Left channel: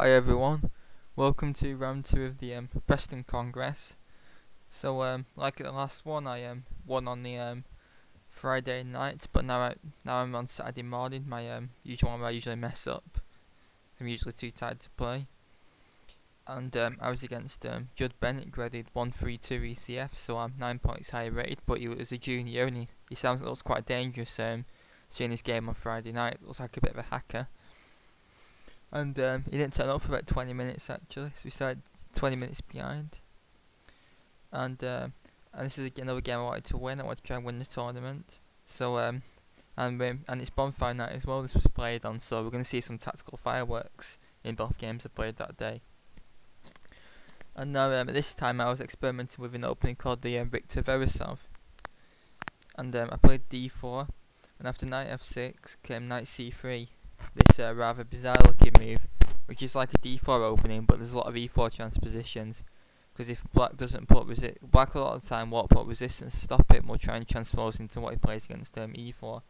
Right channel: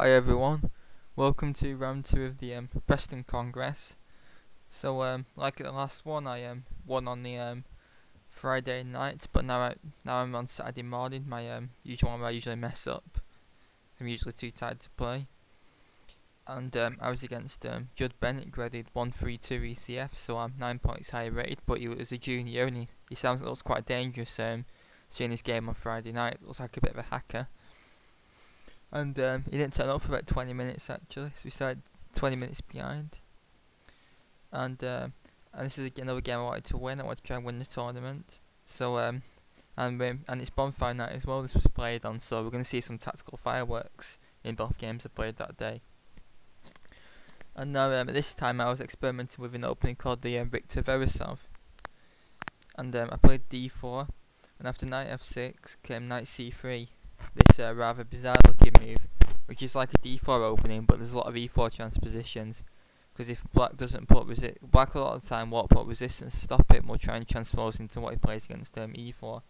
Hi everyone, welcome to round 2 of the Preston Congress. So like the last one, I won on the Friday night, but now I'm on Saturday morning. My usual one where I usually mess up. I'm usually too tired to play. And I was against Judd Bennett, graded 132 ECF, so I'm 9 points higher rated. But he was a junior, and he sounds looks quite dangerous. Seeing his game on Friday night, looks like a bit of a hacker. And he didn't turn up for about 20 minutes actually, so we started 20 minutes behind. And this is another game I wanted to win. I wanted to try and win the tournament. So and it's bonfire night as well. This was played on, so we're going to see some tactical fireworks in both games I played that day. And now at this time I was experimenting with an opening called the Victor Verisov. And I played d4, and after knight f6 came knight c3. This rather bizarre looking move, which is like a d4 opening, but there's a lot of e4 transpositions. Because if black doesn't put black a lot of the time won't put resistance to stop it, and will try and transform into what he plays against e4.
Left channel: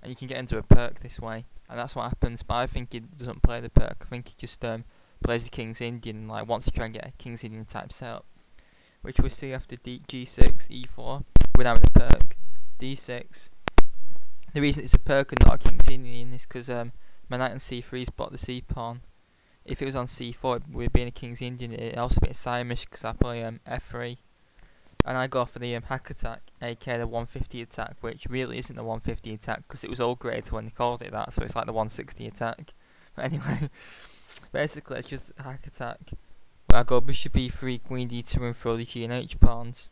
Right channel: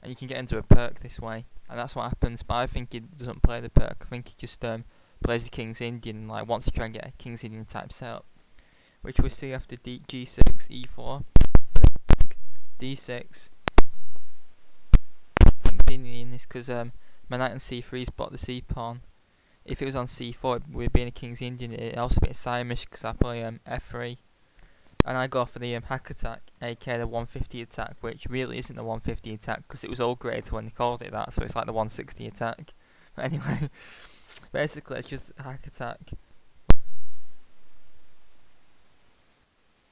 And you can get into a Pirc this way, and that's what happens. But I think he doesn't play the Pirc. I think he just plays the King's Indian, and like wants to try and get a King's Indian type setup, which we see after g6, e4, without having a Pirc, d6. The reason it's a Pirc and not a King's Indian is because my knight on c3 has blocked the c pawn. If it was on c4, with being a King's Indian, it'd also be a Siamish because I play f3. And I go for the hack attack, aka the 150 attack, which really isn't the 150 attack because it was all graded when they called it that, so it's like the 160 attack. But anyway, basically it's just a hack attack where I go bishop e3, queen d2 and throw the g and h pawns.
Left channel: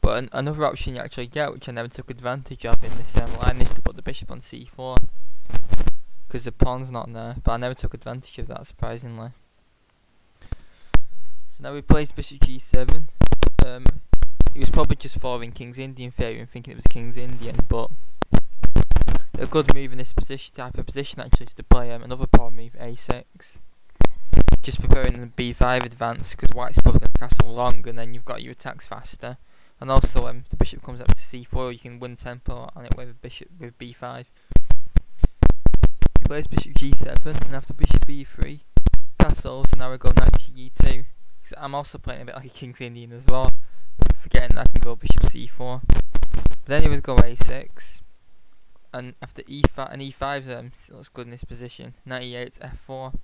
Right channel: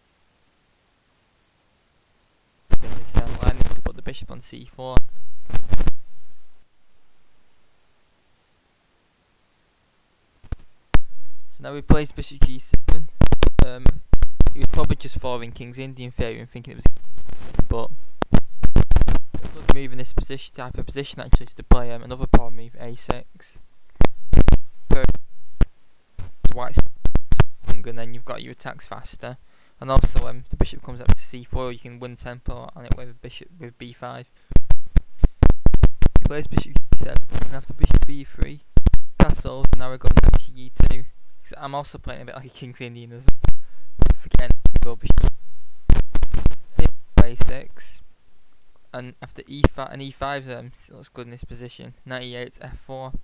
But another option you actually get, which I never took advantage of in this line, is to put the bishop on c4. Because the pawn's not there, but I never took advantage of that, surprisingly. So now we plays bishop g7. He was probably just following King's Indian theory and thinking it was King's Indian, but a good move in this type of position actually is to play another pawn move, a6. Just preparing the b5 advance, because white's probably going to castle long, and then you've got your attacks faster. And also, if the bishop comes up to c4, you can win tempo on it with b5. He plays bishop g7, and after bishop b3, castles, and now I go knight g2. I'm also playing a bit like a King's Indian as well, forgetting that I can go bishop c4. But then he would go a6, and after e5, and e5 looks good in this position. Knight e8, f4.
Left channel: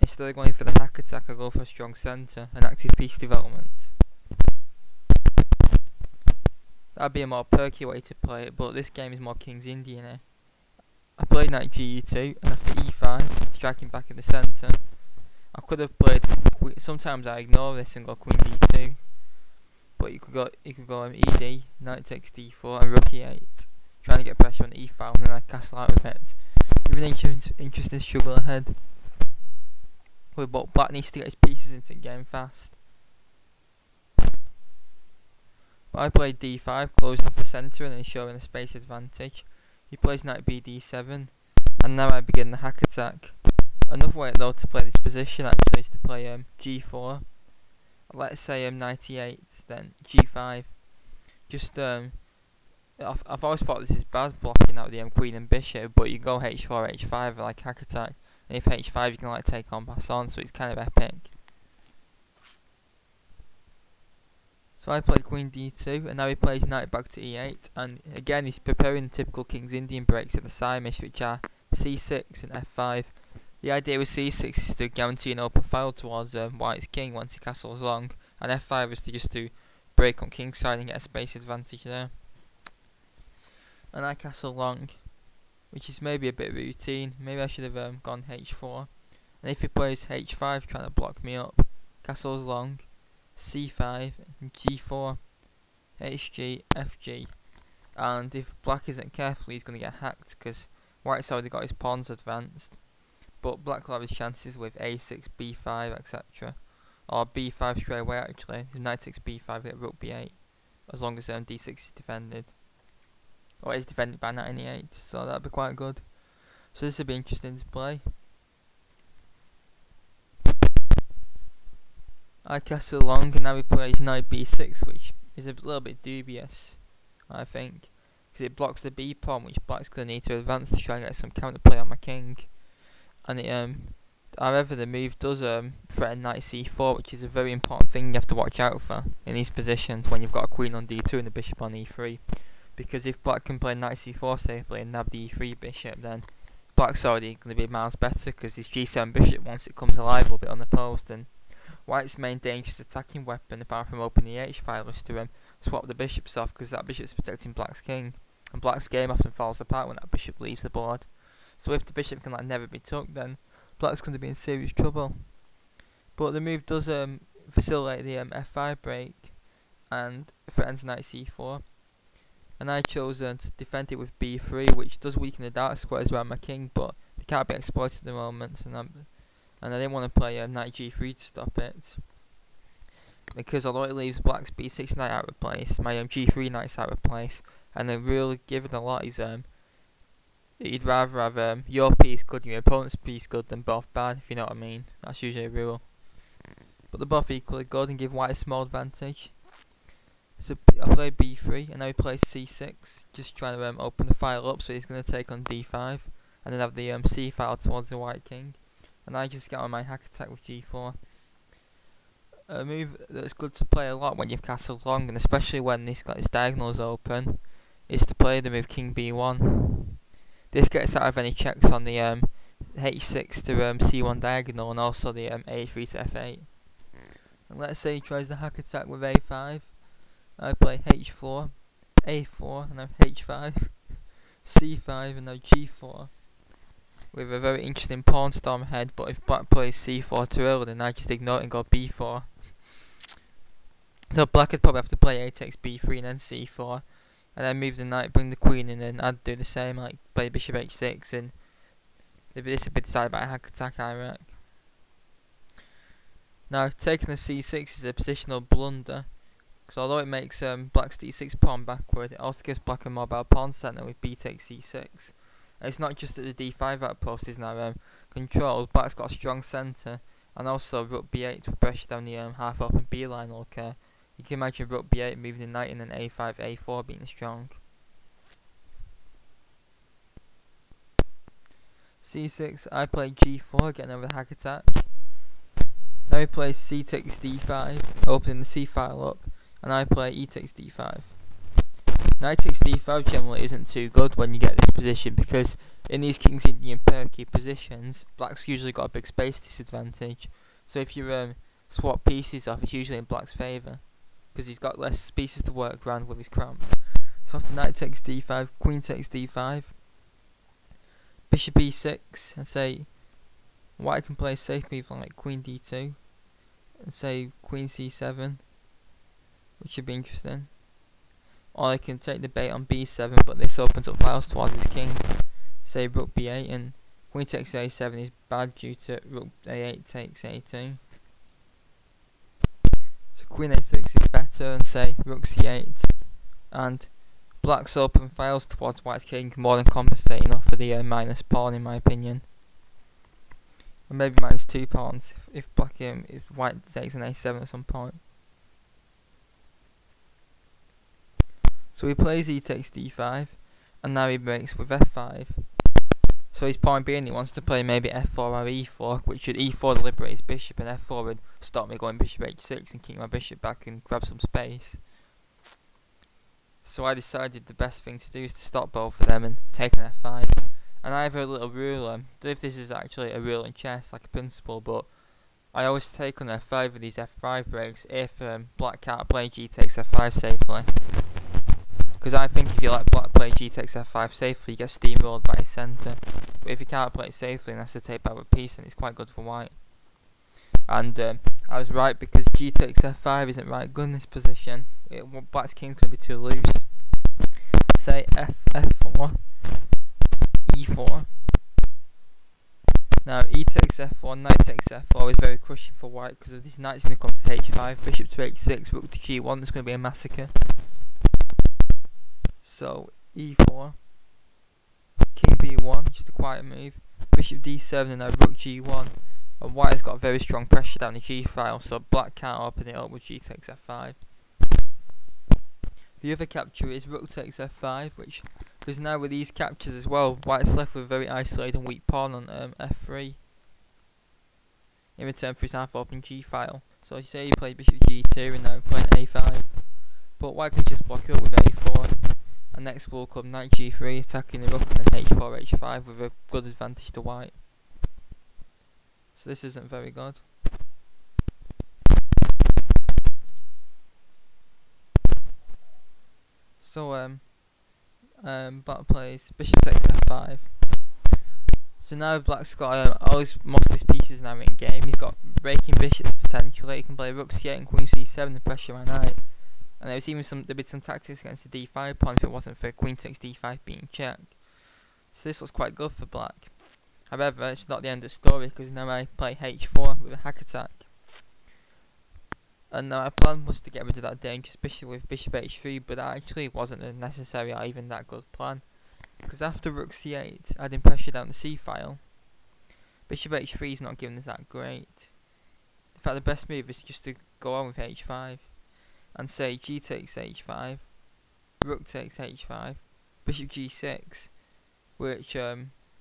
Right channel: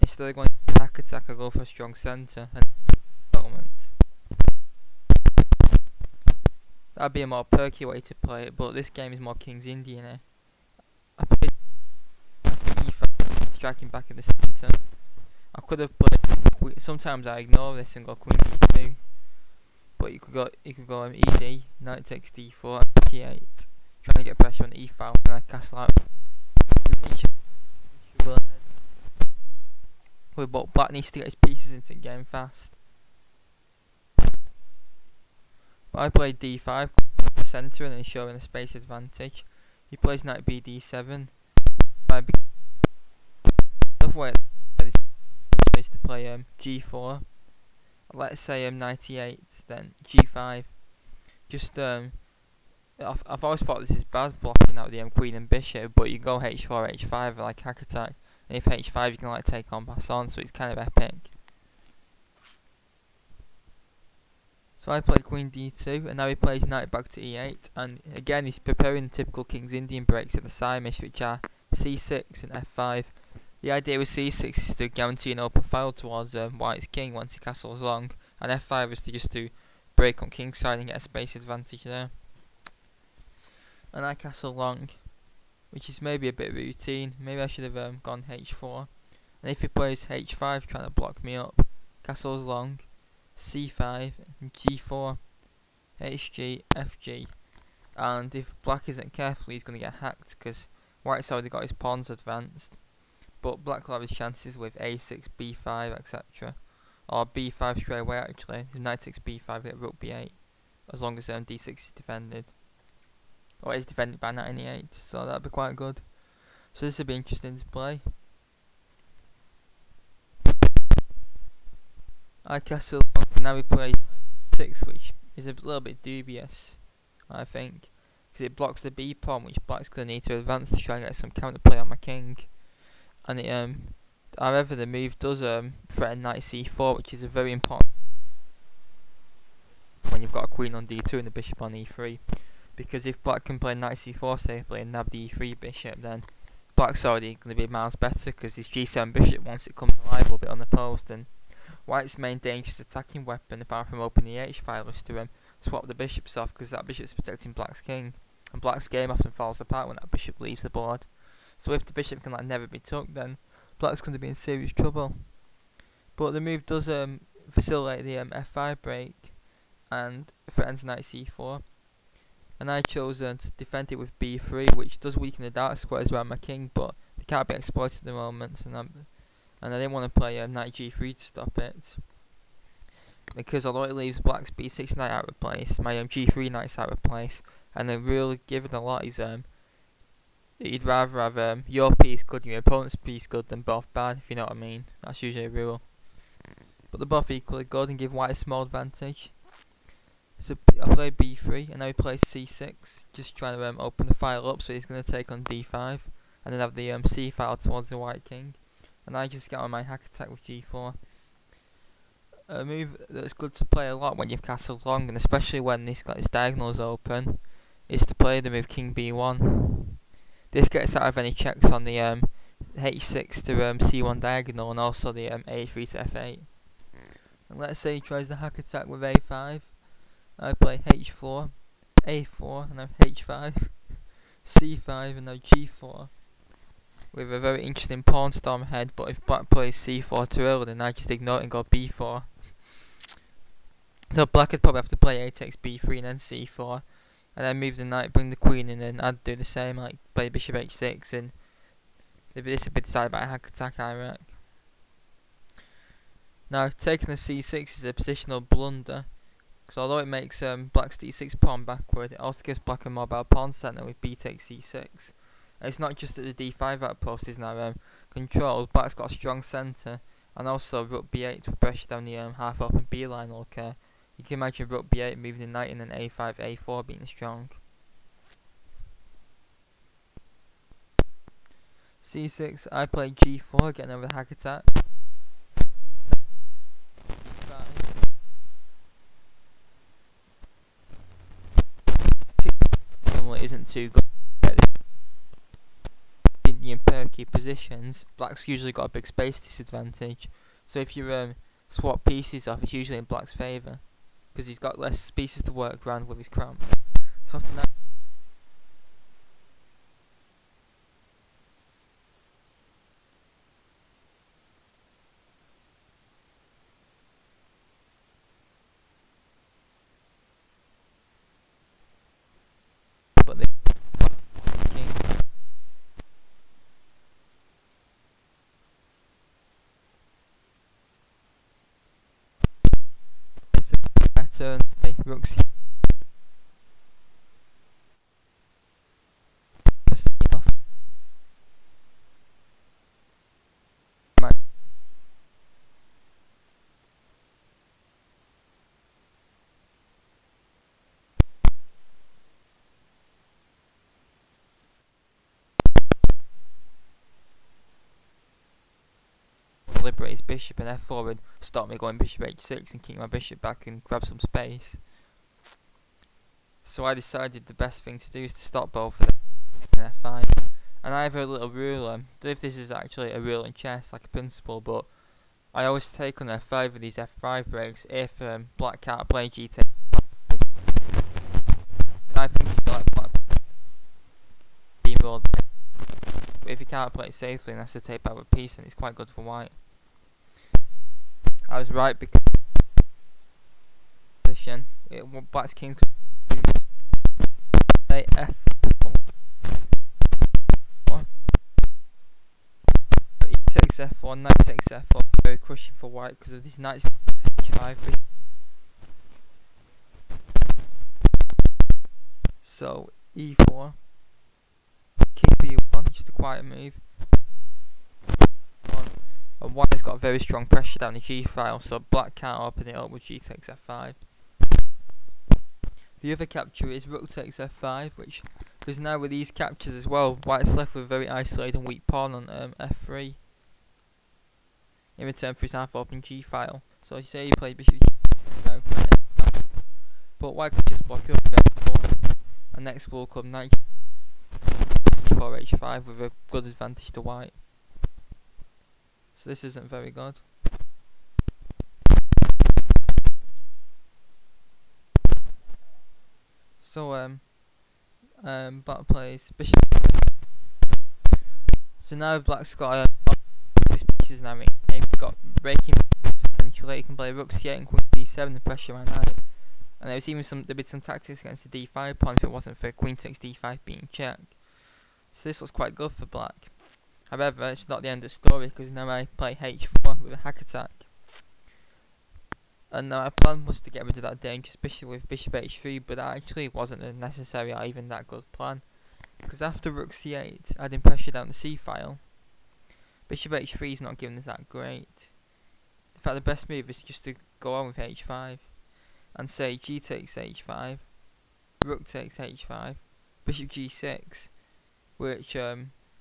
Instead of going for the hack attack, I go for a strong centre, an active piece development. That'd be a more perky way to play it, but this game is more King's Indian. I played knight g2, and after e5, striking back in the centre. I could have played. Sometimes I ignore this and go queen d2, but you could go ed, knight takes d4, and rook e8, trying to get pressure on the e-file, and then I castle out with it. We have an interesting struggle ahead. But black needs to get his pieces into the game fast. But I played d5, closed off the centre, and ensuring a space advantage. He plays knight b d7, and now I begin the hack attack. Another way though to play this position actually is to play g4. Let's say knight e8, then g5. Just I've always thought this is bad, blocking out the queen and bishop, but you go h4, h5 like hack attack, and if h5 you can like take on pass on, so it's kind of epic. So I played queen d2, and now he plays knight back to e8, and again he's preparing typical King's Indian breaks at the Siamish, which are c6 and f5. The idea with c6 is to guarantee an open file towards white's king once he castles long, and f5 is to break on king's side and get a space advantage there. And I castle long, which is maybe a bit routine. Maybe I should have gone h4. And if he plays h5 trying to block me up, castles long, c5, and g4, hg, fg. And if black isn't careful, he's going to get hacked because white's already got his pawns advanced. But black will have his chances with a6, b5, etc. Or b5 straight away actually. If knight takes b5, get rook b8. As long as d6 is defended. Or is defended by knight e8. So that'd be quite good. So this would be interesting to play. I castle long, and now he plays knight b6, which is a little bit dubious, I think. Because it blocks the b pawn, which black's going to need to advance to try and get some counterplay on my king. And However, the move does threaten knight c4, which is a very important thing you have to watch out for in these positions when you've got a queen on d2 and a bishop on e3. Because if black can play knight c4 safely and nab the e3 bishop, then black's already going to be miles better, because his g7 bishop, once it comes alive, will be unopposed, and white's main dangerous attacking weapon, apart from opening the h-file, is to swap the bishops off, because that bishop's protecting black's king, and black's game often falls apart when that bishop leaves the board. So if the bishop can never be took, then black's going to be in serious trouble. But the move does facilitate the f5 break and threatens knight c4. And I chose to defend it with b3, which does weaken the dark squares around my king, but they can't be exploited at the moment, and I didn't want to play knight g3 to stop it, because although it leaves black's b6 knight out of place, my g3 knight's out of place, and then really given a lot is you'd rather have your piece good and your opponent's piece good than both bad, if you know what I mean. That's usually a rule. But they're both equally good and give white a small advantage. So I play b3, and now he plays c6, just trying to open the file up, so he's going to take on d5, and then have the c file towards the white king, and I just get on my hack attack with g4. A move that's good to play a lot when you've castled long, and especially when this got its diagonals open, is to play the move king b1. This gets out of any checks on the h6 to c1 diagonal, and also the a3 to f8. And let's say he tries the hack attack with a5. I play h4, a4, and now h5, c5, and now g4. With a very interesting pawn storm ahead, but if black plays c4 too early, then I just ignore it and go b4. So black would probably have to play a takes b3 and then c4, and then move the knight, bring the queen in, and I'd do the same, like play bishop h6, and this would be decided by a hack attack, I reckon. Now, taking the c6 is a positional blunder, because although it makes black's d6 pawn backward, it also gives black a mobile pawn centre with b takes c6. And it's not just that the d5 outpost is now controlled, black's got a strong centre, and also rook b8 to pressure down the half open b line will occur. You can imagine rook b8 moving the knight, and then a5, a4 being strong. c6, I play g4, getting over the hack attack. Now he plays c takes d5, opening the c file up, and I play e takes d5. Knight takes d5 generally isn't too good when you get this position, because in these King's Indian Pirc positions, black's usually got a big space disadvantage. So if you swap pieces off, it's usually in black's favour, because he's got less pieces to work around with his cramp. So after knight takes d5, queen takes d5, bishop e6, and say white can play a safe move like queen d2, and say queen c7, which should be interesting. Or I can take the bait on b7, but this opens up files towards his king. Say rook b8, and queen takes a7 is bad due to rook a8 takes a2. So queen a6 is better, and say rook c8, and black's open files towards white's king more than compensate enough for the minus pawn, in my opinion. Or maybe minus 2 pawns if black if white takes an a7 at some point. So he plays e takes d5, and now he breaks with f5. So his point being he wants to play maybe f4 or e4, which would e4 liberate his bishop, and f4 would stop me going bishop h6 and keep my bishop back and grab some space. So I decided the best thing to do is to stop both of them and take an f5. And I have a little rule, I don't know if this is actually a rule in chess, like a principle, but I always take on f5 with these f5 breaks if black can't play g takes f5 safely. Because I think if you let black play g takes f5 safely, you get steamrolled by his centre. But if you can't play it safely and has to take back with piece, then it's quite good for white. And I was right, because g takes f5 isn't right good in this position. Black's king's going to be too loose. Say f4, e4. Now e takes f4, knight takes f4 is very crushing for white, because if this knight's going to come to h5, bishop to h6, rook to g1, there's going to be a massacre. So e4, king b1, just a quiet move, bishop d7, and now rook g1, and white has got very strong pressure down the g file, so black can't open it up with g takes f5. The other capture is rook takes f5, which, because now with these captures as well, white's left with a very isolated and weak pawn on f3. in return for his half open G file. So you say he played bishop G2 and now playing A5. But white can just block it up with A4. And next will come knight G3 attacking the rook and then H4, H5 with a good advantage to white. So this isn't very good. So black plays bishop takes F5. So now black's got most of his pieces now in game. He's got breaking bishops potentially. He can play rook c8 and queen c7 and pressure my knight. And there'd be some tactics against the d5 pawn if it wasn't for queen takes d5 being checked. So this looks quite good for black. However, it's not the end of the story because now I play h4 with a hack attack. And now my plan was to get rid of that dangerous bishop with bishop h3, but that actually wasn't a necessary or even that good plan. Because after rook c8, adding pressure down the c file, bishop h3 is not giving us that great. In fact, the best move is just to go on with h5 and say g takes h5, rook takes h5, bishop g6, which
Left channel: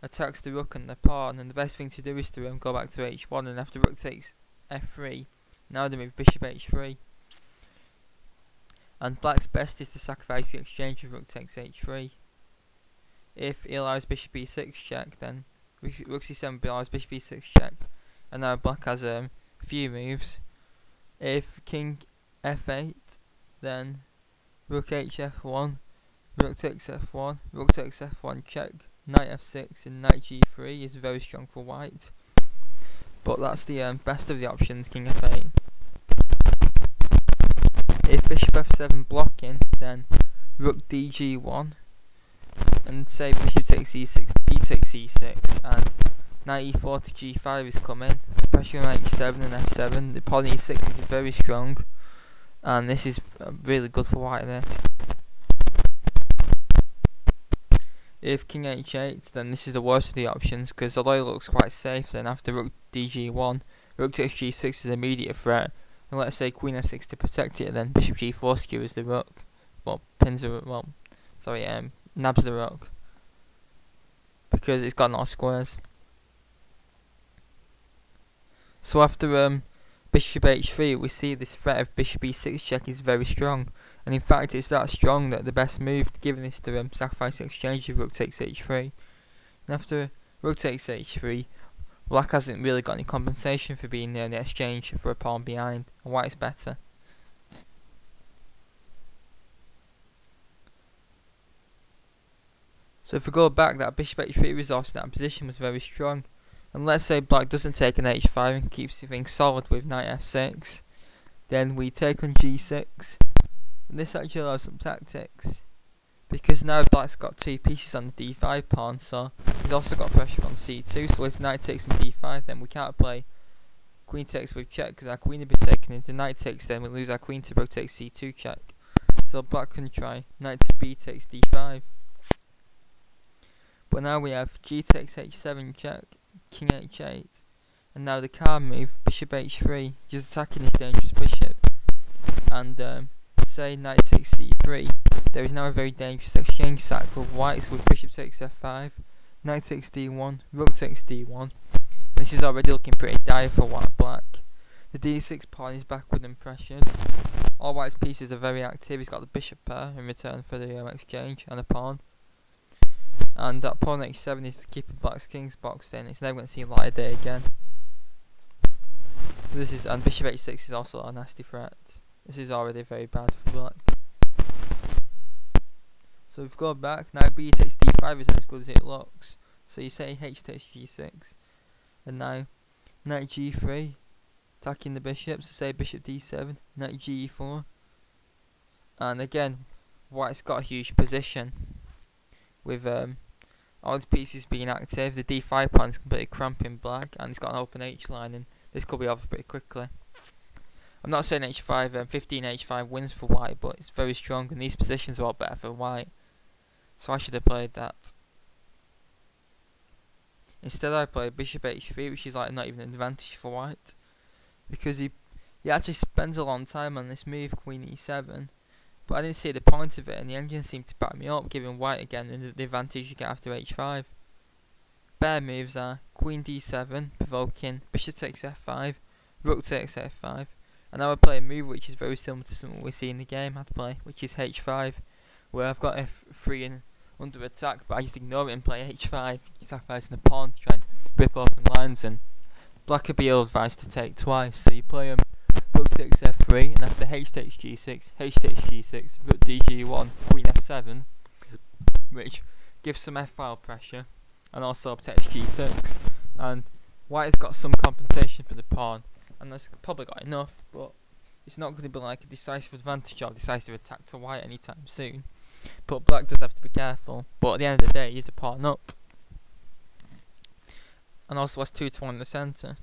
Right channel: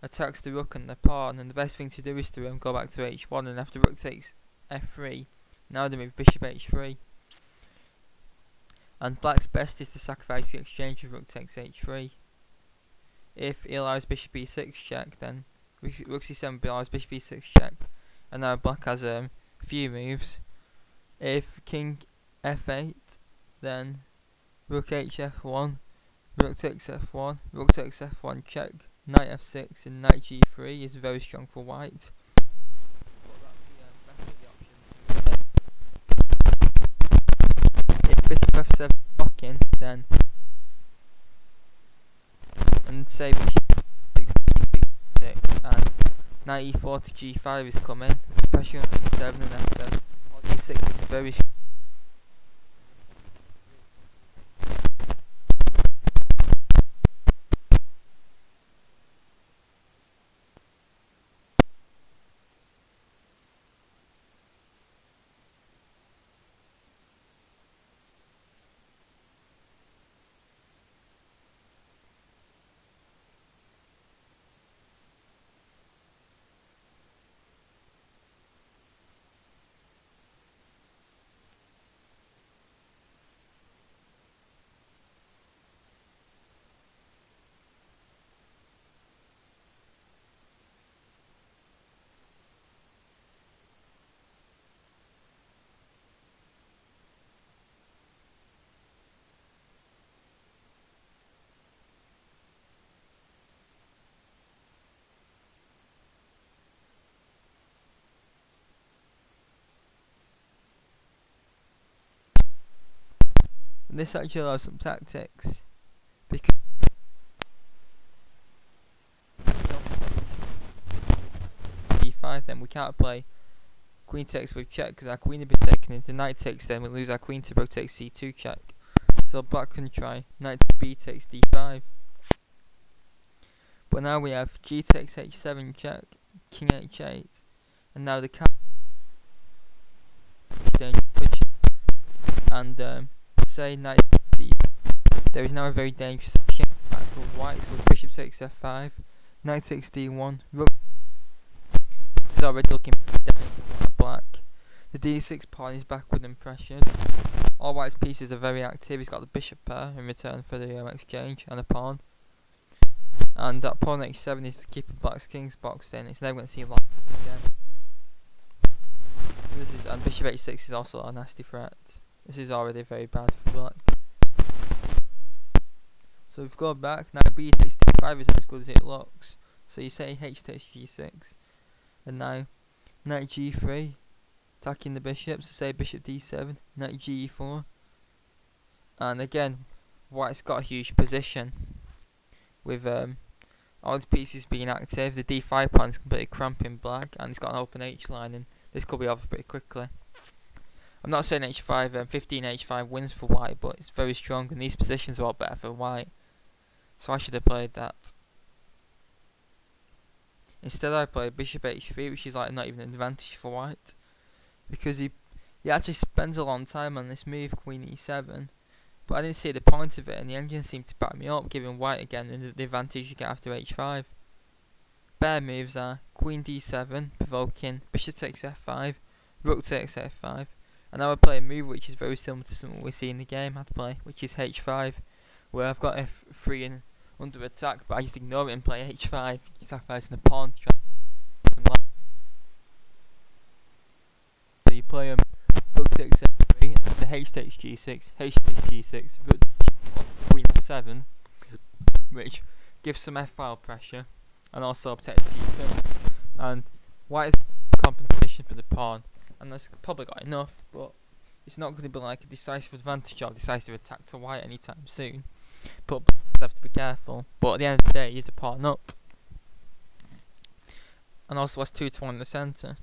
attacks the rook and the pawn. And the best thing to do is to go back to h1, and after rook takes f3, now they move bishop h3. And black's best is to sacrifice the exchange of rook takes h3. If he allows bishop e6 check, then rook c7 allows bishop e6 check. And now black has a few moves. If king f8, then rook hf1, rook takes f1, rook takes f1 check, knight f6 and knight g3 is very strong for white. But that's the best of the options, king f8. If bishop f7 blocking, then rook dg1, and say bishop takes e6, d takes e6, and knight e4 to g5 is coming. Pressure on h7 and f7. The pawn e6 is very strong, and this is really good for white. This. If king h8, then this is the worst of the options, because although it looks quite safe, then after rook dg1, rook takes g6 is an immediate threat. And let's say queen f6 to protect it, then bishop g4 skewers the rook. Well, nabs the rook, because it's got no squares. So after bishop h3, we see this threat of bishop e6 check is very strong, and in fact it's that strong that the best move given is to sacrifice the exchange of rook takes h3. And after rook takes h3, black hasn't really got any compensation for being near the exchange for a pawn behind, and white's better. So if we go back, that bishop h3 resource in that position was very strong. And let's say black doesn't take an h5 and keeps things solid with knight f6. Then we take on g6. And this actually allows some tactics, because now black's got two pieces on the d5 pawn, so he's also got pressure on c2. So if knight takes on d5, then we can't play queen takes with check, because our queen would be taken into knight takes, then we lose our queen to rook takes c2 check. So black can try knight b takes d5. But now we have g takes h7 check, king h8, and now the card move, bishop h3, just attacking this dangerous bishop. And say knight takes c3, there is now a very dangerous exchange sack with whites with bishop takes f5, knight takes d1, rook takes d1, and this is already looking pretty dire for black. The d6 pawn is backward and pressured. All white's pieces are very active. He's got the bishop pair in return for the exchange and a pawn. And that pawn h7 is keeping black's king's boxed in. It's never going to see light of day again. So this is, and bishop h6 is also a nasty threat. This is already very bad for black. So if we go back, now b takes d5 isn't as good as it looks. So you say h takes g6, and now knight g3, attacking the bishop. So say bishop d7, knight ge4, and again, white's got a huge position with all his pieces being active. The d5 pawn is completely cramping black, and he's got an open h line, and this could be over pretty quickly. I'm not saying h5, 15 h5 wins for white, but it's very strong, and these positions are all better for white. So I should have played that. Instead I played bishop h3, which is like not even an advantage for white, because he actually spends a long time on this move, queen e7. But I didn't see the point of it, and the engine seemed to back me up, giving white again the advantage you get after h5. spare moves are Queen d7, provoking Bishop takes f5, Rook takes f5, and now I play a move which is very similar to something we see in the game how to play, which is h5, where I've got f3 and under attack, but I just ignore it and play h5, sacrificing a pawn to try and rip open lines, and black would be ill-advised to take twice, so you play Rook takes f3, and after h takes g6, h takes g6, Rook dg1, Queen f7, which gives some f-file pressure, and also protects g6, and white has got some compensation for the pawn, and that's probably got enough, but it's not going to be like a decisive advantage or decisive attack to white anytime soon. But black does have to be careful, but at the end of the day he's a pawn up, and also has 2 to 1 in the centre,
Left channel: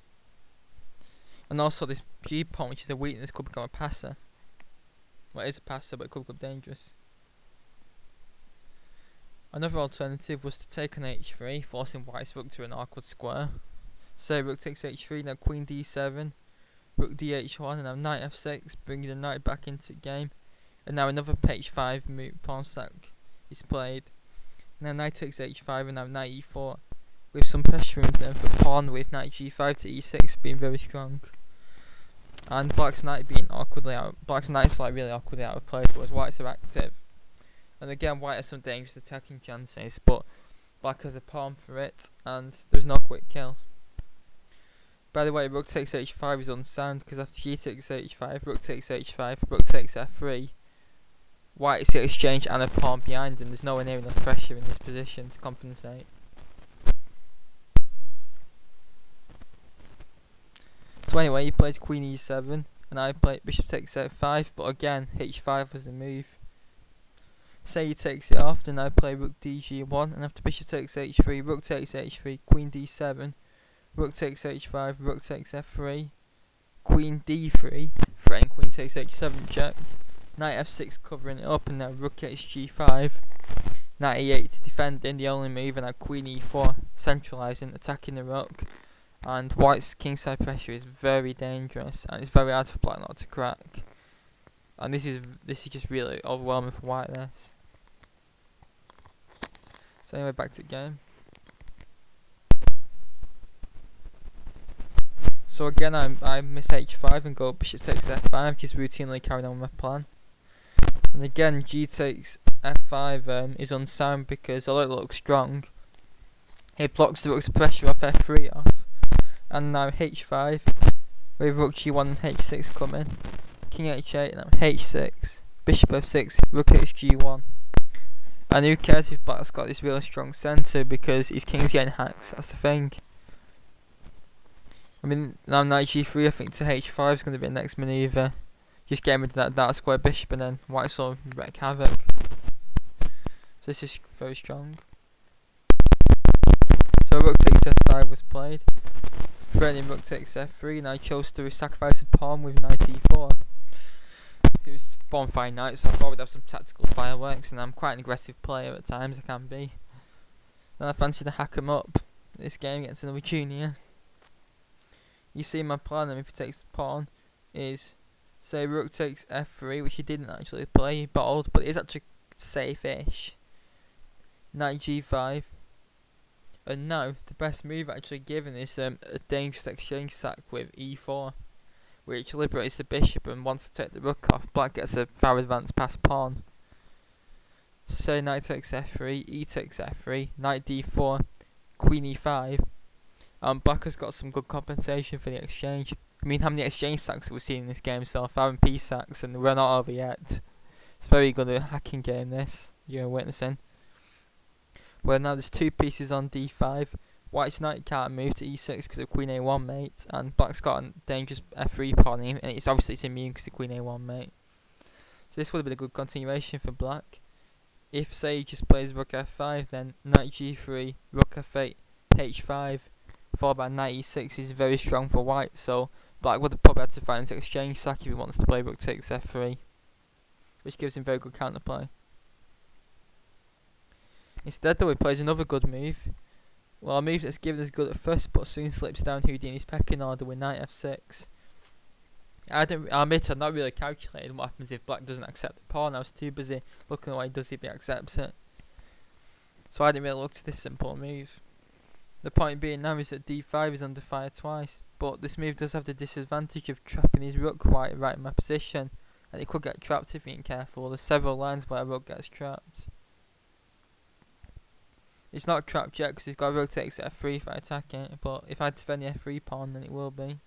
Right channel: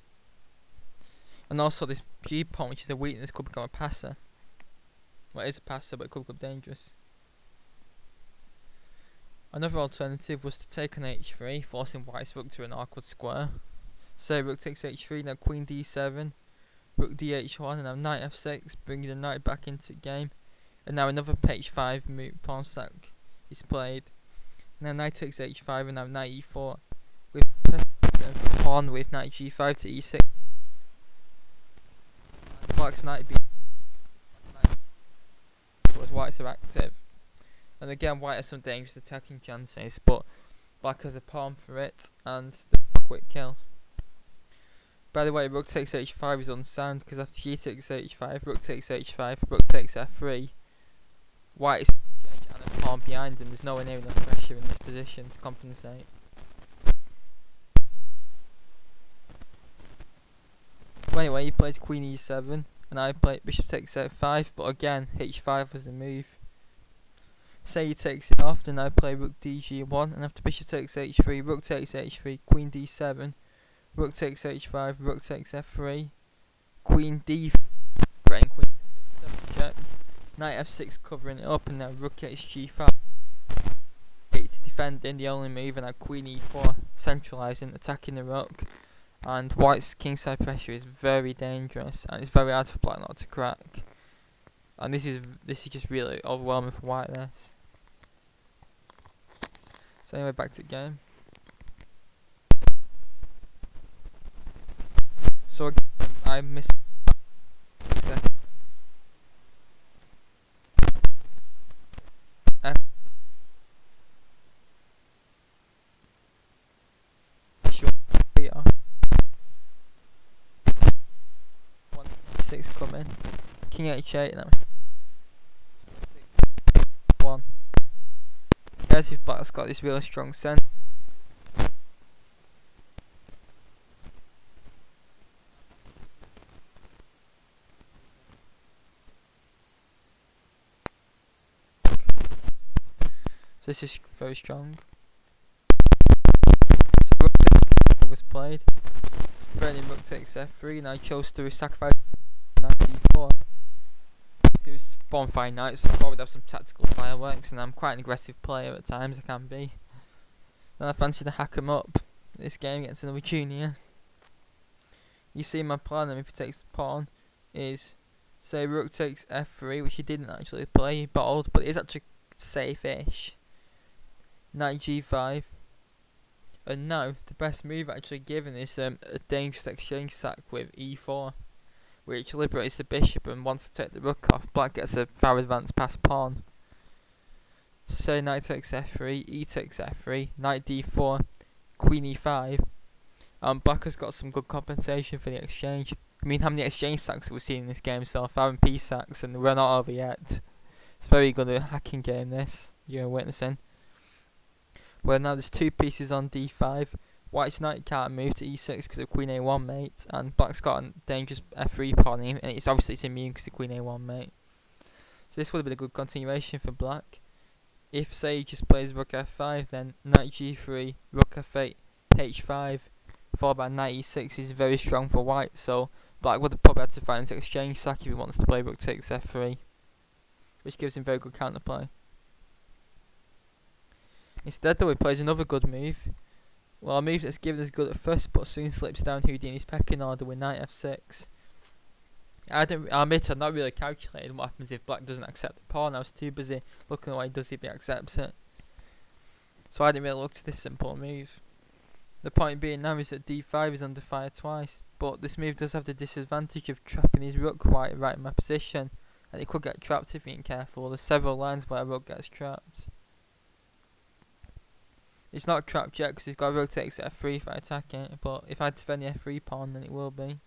and also this g pawn, which is a weakness, could become a passer. Well, it is a passer, but it could become dangerous. Another alternative was to take on h3, forcing white's rook to an awkward square. So rook takes h3, now queen d7, rook dh1, and now knight f6, bringing the knight back into the game. And now another h5 move, pawn sack is played. Now knight takes h5, and now knight e4, with some pressure in return for pawn, with knight g5 to e6 being very strong. And black's knight being awkwardly out. Black's knight's like really awkwardly out of place, whereas white's are active. And again, white has some dangerous attacking chances, but black has a pawn for it, and there's no quick kill. By the way, rook takes h5 is unsound, because after g takes h5, rook takes h5, rook takes f3, white is the exchange and a pawn behind, and there's nowhere near enough pressure in this position to compensate. So anyway, he plays queen e7, and I play bishop takes f5, but again, h5 was the move. Say he takes it off, then I play rook dg1, and after bishop takes h3, rook takes h3, queen d7, rook takes h5, rook takes f3, queen d3, threatening queen takes h7 check, knight f6 covering it up, and now rook takes g5, knight e8 defending the only move, and now queen e4 centralising, attacking the rook. And white's kingside pressure is very dangerous, and it's very hard for black not to crack. And this is just really overwhelming for white. This. So anyway, back to the game. So again, I miss h5 and go bishop takes f5, just routinely carrying on my plan. And again, g takes f5 is unsound because although it looks strong, it blocks the rook's pressure off f3 off. And now h5, with rook g1 and h6 coming, king h8, now h6, bishop f6, rook hg1. And who cares if black's got this really strong centre, because his king's getting hacked, that's the thing. I mean, now knight g3 I think to h5 is going to be the next manoeuvre. Just getting rid of that dark square bishop, and then white sort of wreak havoc. So this is very strong. So rook takes f5 was played. Threatening rook takes f3, and I chose to sacrifice a pawn with knight e4. It was bonfire knight, so I thought we'd have some tactical fireworks, and I'm quite an aggressive player at times, I can be. And I fancy to hack him up this game against another junior. You see my plan, if he takes the pawn, is say rook takes f3, which he didn't actually play, he bottled, but it is actually safe-ish. Knight g5. And now, the best move actually given is a dangerous exchange sack with e4, which liberates the bishop, and once to take the rook off, black gets a far advanced past pawn. So say knight takes f3, e takes f3, knight d4, queen e5, and black has got some good compensation for the exchange. I mean, how many exchange sacks have we seen in this game so far, and peace sacks, and we're not over yet. It's very good a hacking game this, you're witnessing. Well, now there's 2 pieces on d5. White's knight can't move to e6 because of queen a1 mate, and black's got a dangerous f3 pawn, and it's obviously immune because of queen a1 mate. So this would have been a good continuation for black. If say he just plays rook f5, then knight g3, rook f8, h5, followed by knight e6 is very strong for white. So black would have probably had to find this exchange sack if he wants to play rook takes f3, which gives him very good counterplay. Instead though, he plays another good move. Well, a move that's given us good at first, but soon slips down Houdini's pecking order with knight f6. I admit I've not really calculated what happens if black doesn't accept the pawn. I was too busy looking at what he does if he accepts it. So I didn't really look to this simple move. The point being now is that d5 is under fire twice, but this move does have the disadvantage of trapping his rook right in my position, and it could get trapped if he ain't careful. There's several lines where a rook gets trapped. It's not trapped yet because he's got rook takes f3 if I attack it, but if I defend the f3 pawn then it will be.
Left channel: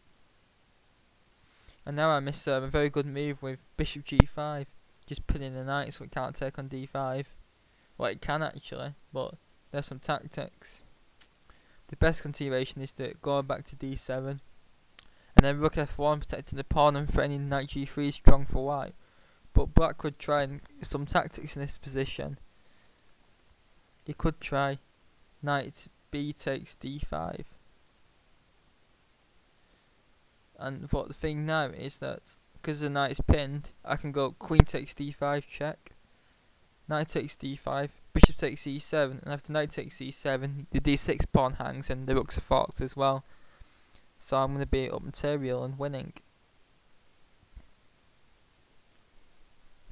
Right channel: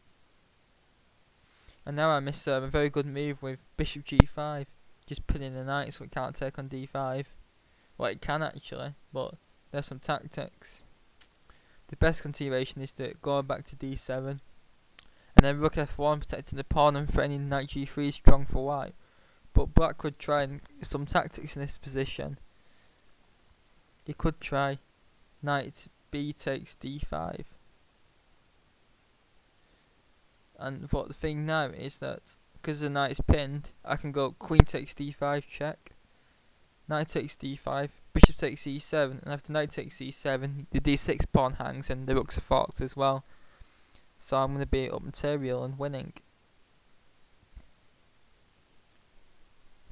And now I miss a very good move with bishop g5, just pinning the knight so it can't take on d5. Well, it can actually, but there's some tactics. The best continuation is to go back to d7, and then rook f1 protecting the pawn and threatening knight g3 is strong for white. But black could try some tactics in this position. He could try knight b takes d5. But the thing now is that because the knight is pinned, I can go queen takes d5 check, knight takes d5, bishop takes e7, and after knight takes e7, the d6 pawn hangs and the rooks are forked as well. So I'm going to be up material and winning.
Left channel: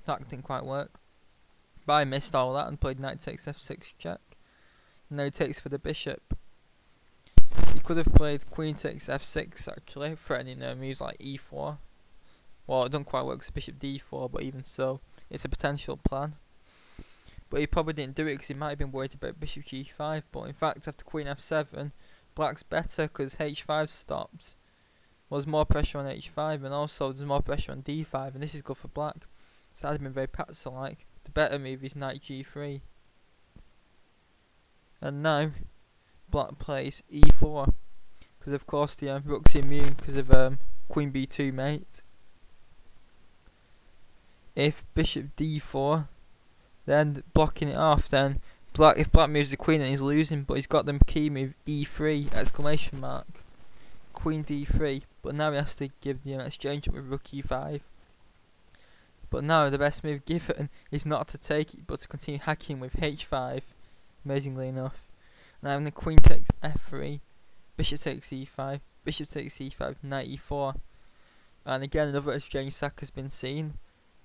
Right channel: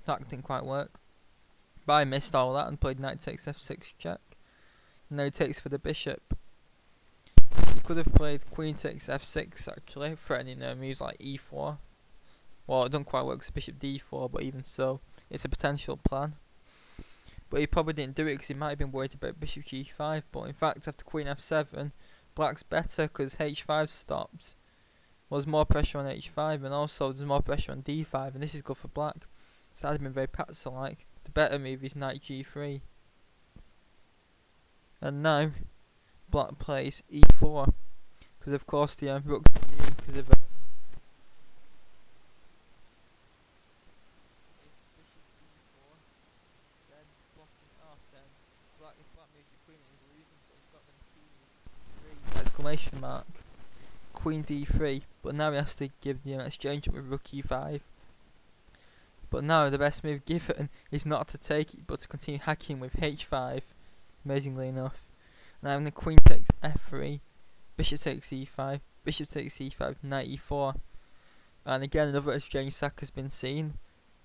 That didn't quite work. But I missed all that and played knight takes f6 check. Now he takes for the bishop. He could have played queen takes f6 actually, threatening moves like e4. Well, it doesn't quite work with bishop d4, but even so, it's a potential plan. But he probably didn't do it because he might have been worried about bishop g5. But in fact, after queen f7, black's better because h5 stopped. Well, there's more pressure on h5, and also there's more pressure on d5, and this is good for black. So that would have been very Patzer-like. The better move is knight g3. And now, black plays e4, because of course the rook's immune because of queen b2 mate. If bishop d4, then blocking it off, then if black moves the queen then he's losing, but he's got the key move e3 exclamation mark, queen d3, but now he has to give the exchange up with rook e5. But now the best move given is not to take it, but to continue hacking with h5, amazingly enough. Now the queen takes f3, bishop takes e5, bishop takes e5, knight e4, and again another exchange sack has been seen.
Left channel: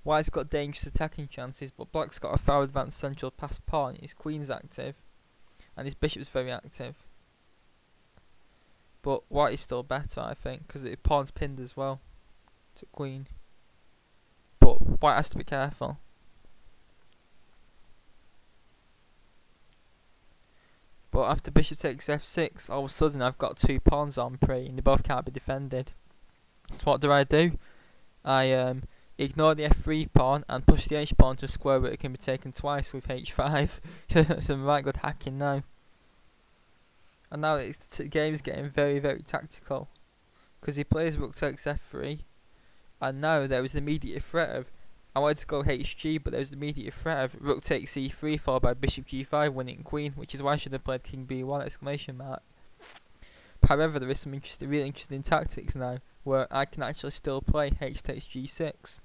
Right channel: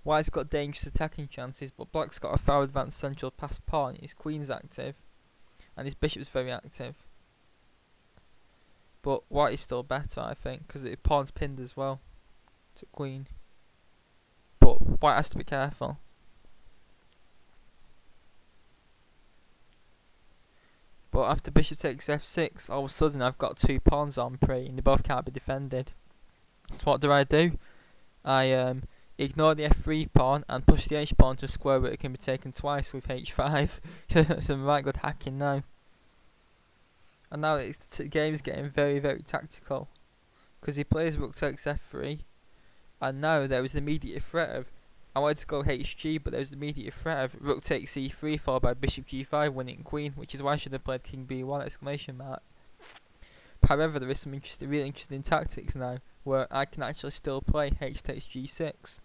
White's got dangerous attacking chances, but black's got a far advanced central passed pawn. His queen's active, and his bishop's very active. But white is still better, I think, because the pawn's pinned as well to queen. But white has to be careful. But after bishop takes f6, all of a sudden I've got two pawns on pre, and they both can't be defended. So what do? I ignore the f3 pawn and push the h pawn to a square where it can be taken twice with h5. Some right good hacking now. And now the game's getting very, very tactical, because he plays rook takes f3, and now there is the immediate threat of, I wanted to go hg, but there was the immediate threat of rook takes c3 followed by bishop g5 winning queen, which is why I should have played king b1 exclamation mark. However, there is some really interesting tactics now where I can actually still play h takes g6.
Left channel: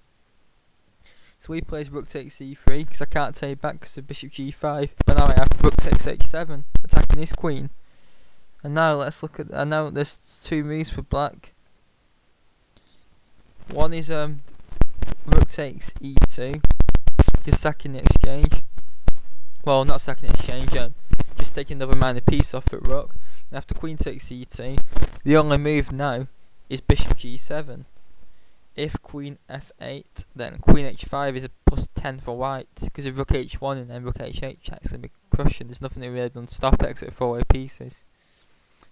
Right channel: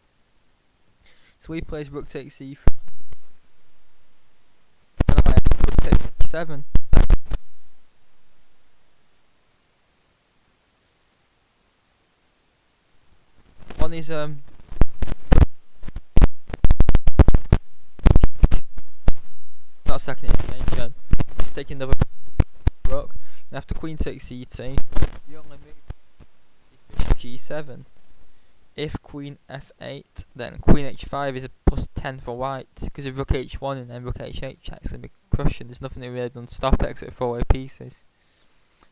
So he plays rook takes c3 because I can't take back because of bishop g5, but now I have rook takes h7 attacking his queen. And now let's look at, now there's two moves for black. One is rook takes e2, just sacking the exchange. Well, not sacking the exchange, just taking another minor piece off at rook. And after queen takes e2, the only move now is bishop g7. If queen f8, then queen h5 is a plus 10 for white, because of rook h1 and then rook h8 check, it's going to be crushing. There's nothing really done to stop it except 4-way pieces.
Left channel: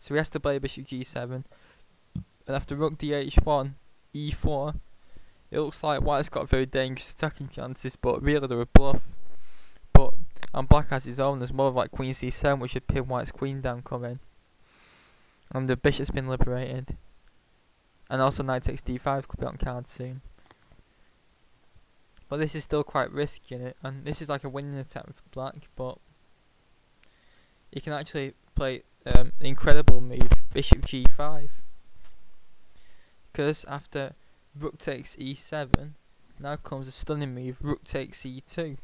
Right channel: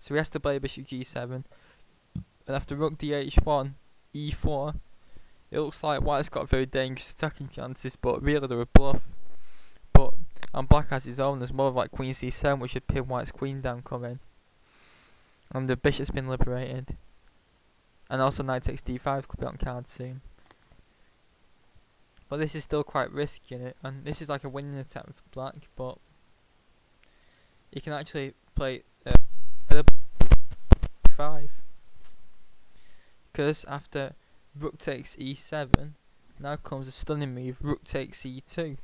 So he has to play bishop g7, and after rook dh1, e4, it looks like white's got very dangerous attacking chances, but really they're a bluff. And black has his own. There's more of like queen c7, which should pin white's queen down coming. And the bishop's been liberated. And also knight takes d5 could be on card soon. But this is still quite risky in it, and this is like a winning attempt for black, but he can actually play the incredible move bishop g5. Because after rook takes e7, now comes a stunning move, rook takes e2.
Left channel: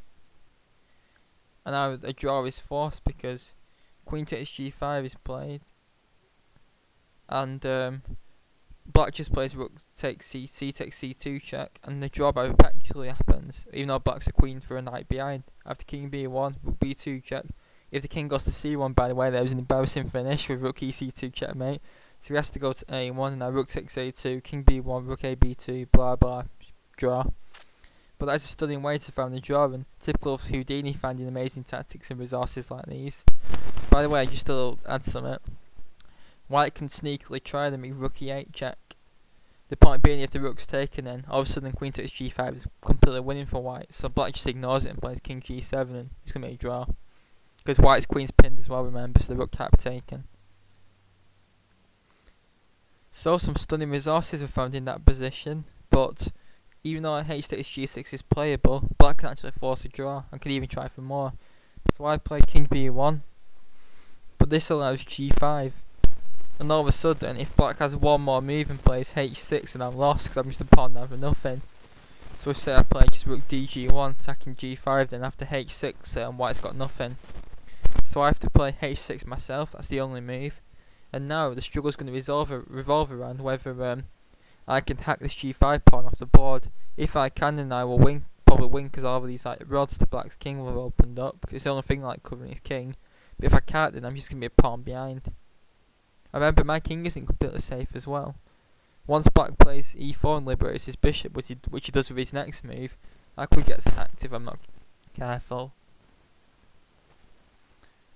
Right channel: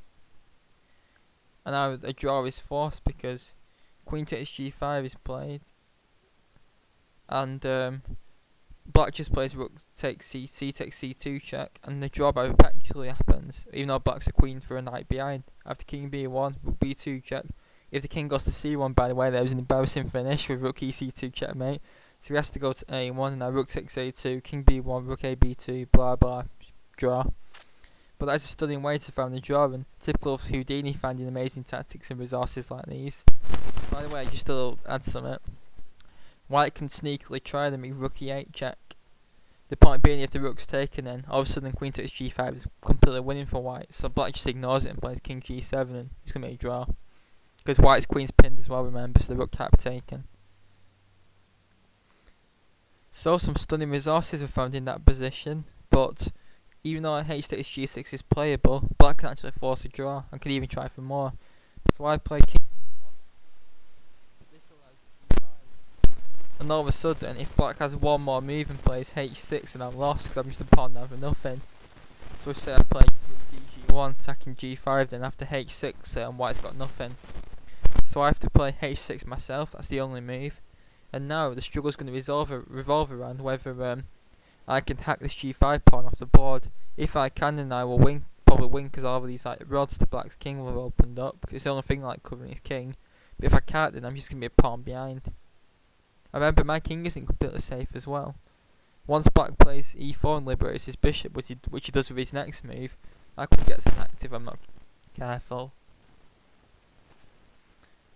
And now a draw is forced because queen takes g5 is played, and black just plays rook takes c takes c2 check, and the draw perpetually happens, even though black's a queen for a knight behind. After king b1, rook b2 check, if the king goes to c1, by the way, there was an embarrassing finish with rook ec2 checkmate. So he has to go to a1, and now rook takes a2, king b1, rook a b2, blah blah, draw. But that's a stunning way to find the draw, and typical of Houdini finding amazing tactics and resources like these. By the way, just to add something, white can sneakily try to make rook e8 check. The point being, if the rook's taken, then all of a sudden queen takes g5 is completely winning for white. So black just ignores it and plays king g7, and it's going to be a draw. Because white's queen's pinned as well, remember, so the rook can't be taken. So some stunning resources were found in that position, but even though h takes g6 is playable, black can actually force a draw and can even try for more. So I play king b1, but this allows g5. And all of a sudden, if black has one more move and plays h6, then I'm lost because I'm just a pawn down for nothing. So if say I play just rook dg1, attacking g5, then after h6, white's got nothing. So I have to play h6 myself, that's the only move. And now the struggle's going to revolve around whether I can hack this g5 pawn off the board. If I can, then I will win, probably win, because all of these like rods to black's king will have opened up, because it's the only thing like covering his king. But if I can't, then I'm just going to be a pawn behind. Remember, my king isn't completely safe as well. Once black plays e4 and liberates his bishop, which he does with his next move, I could get hacked if I'm not careful.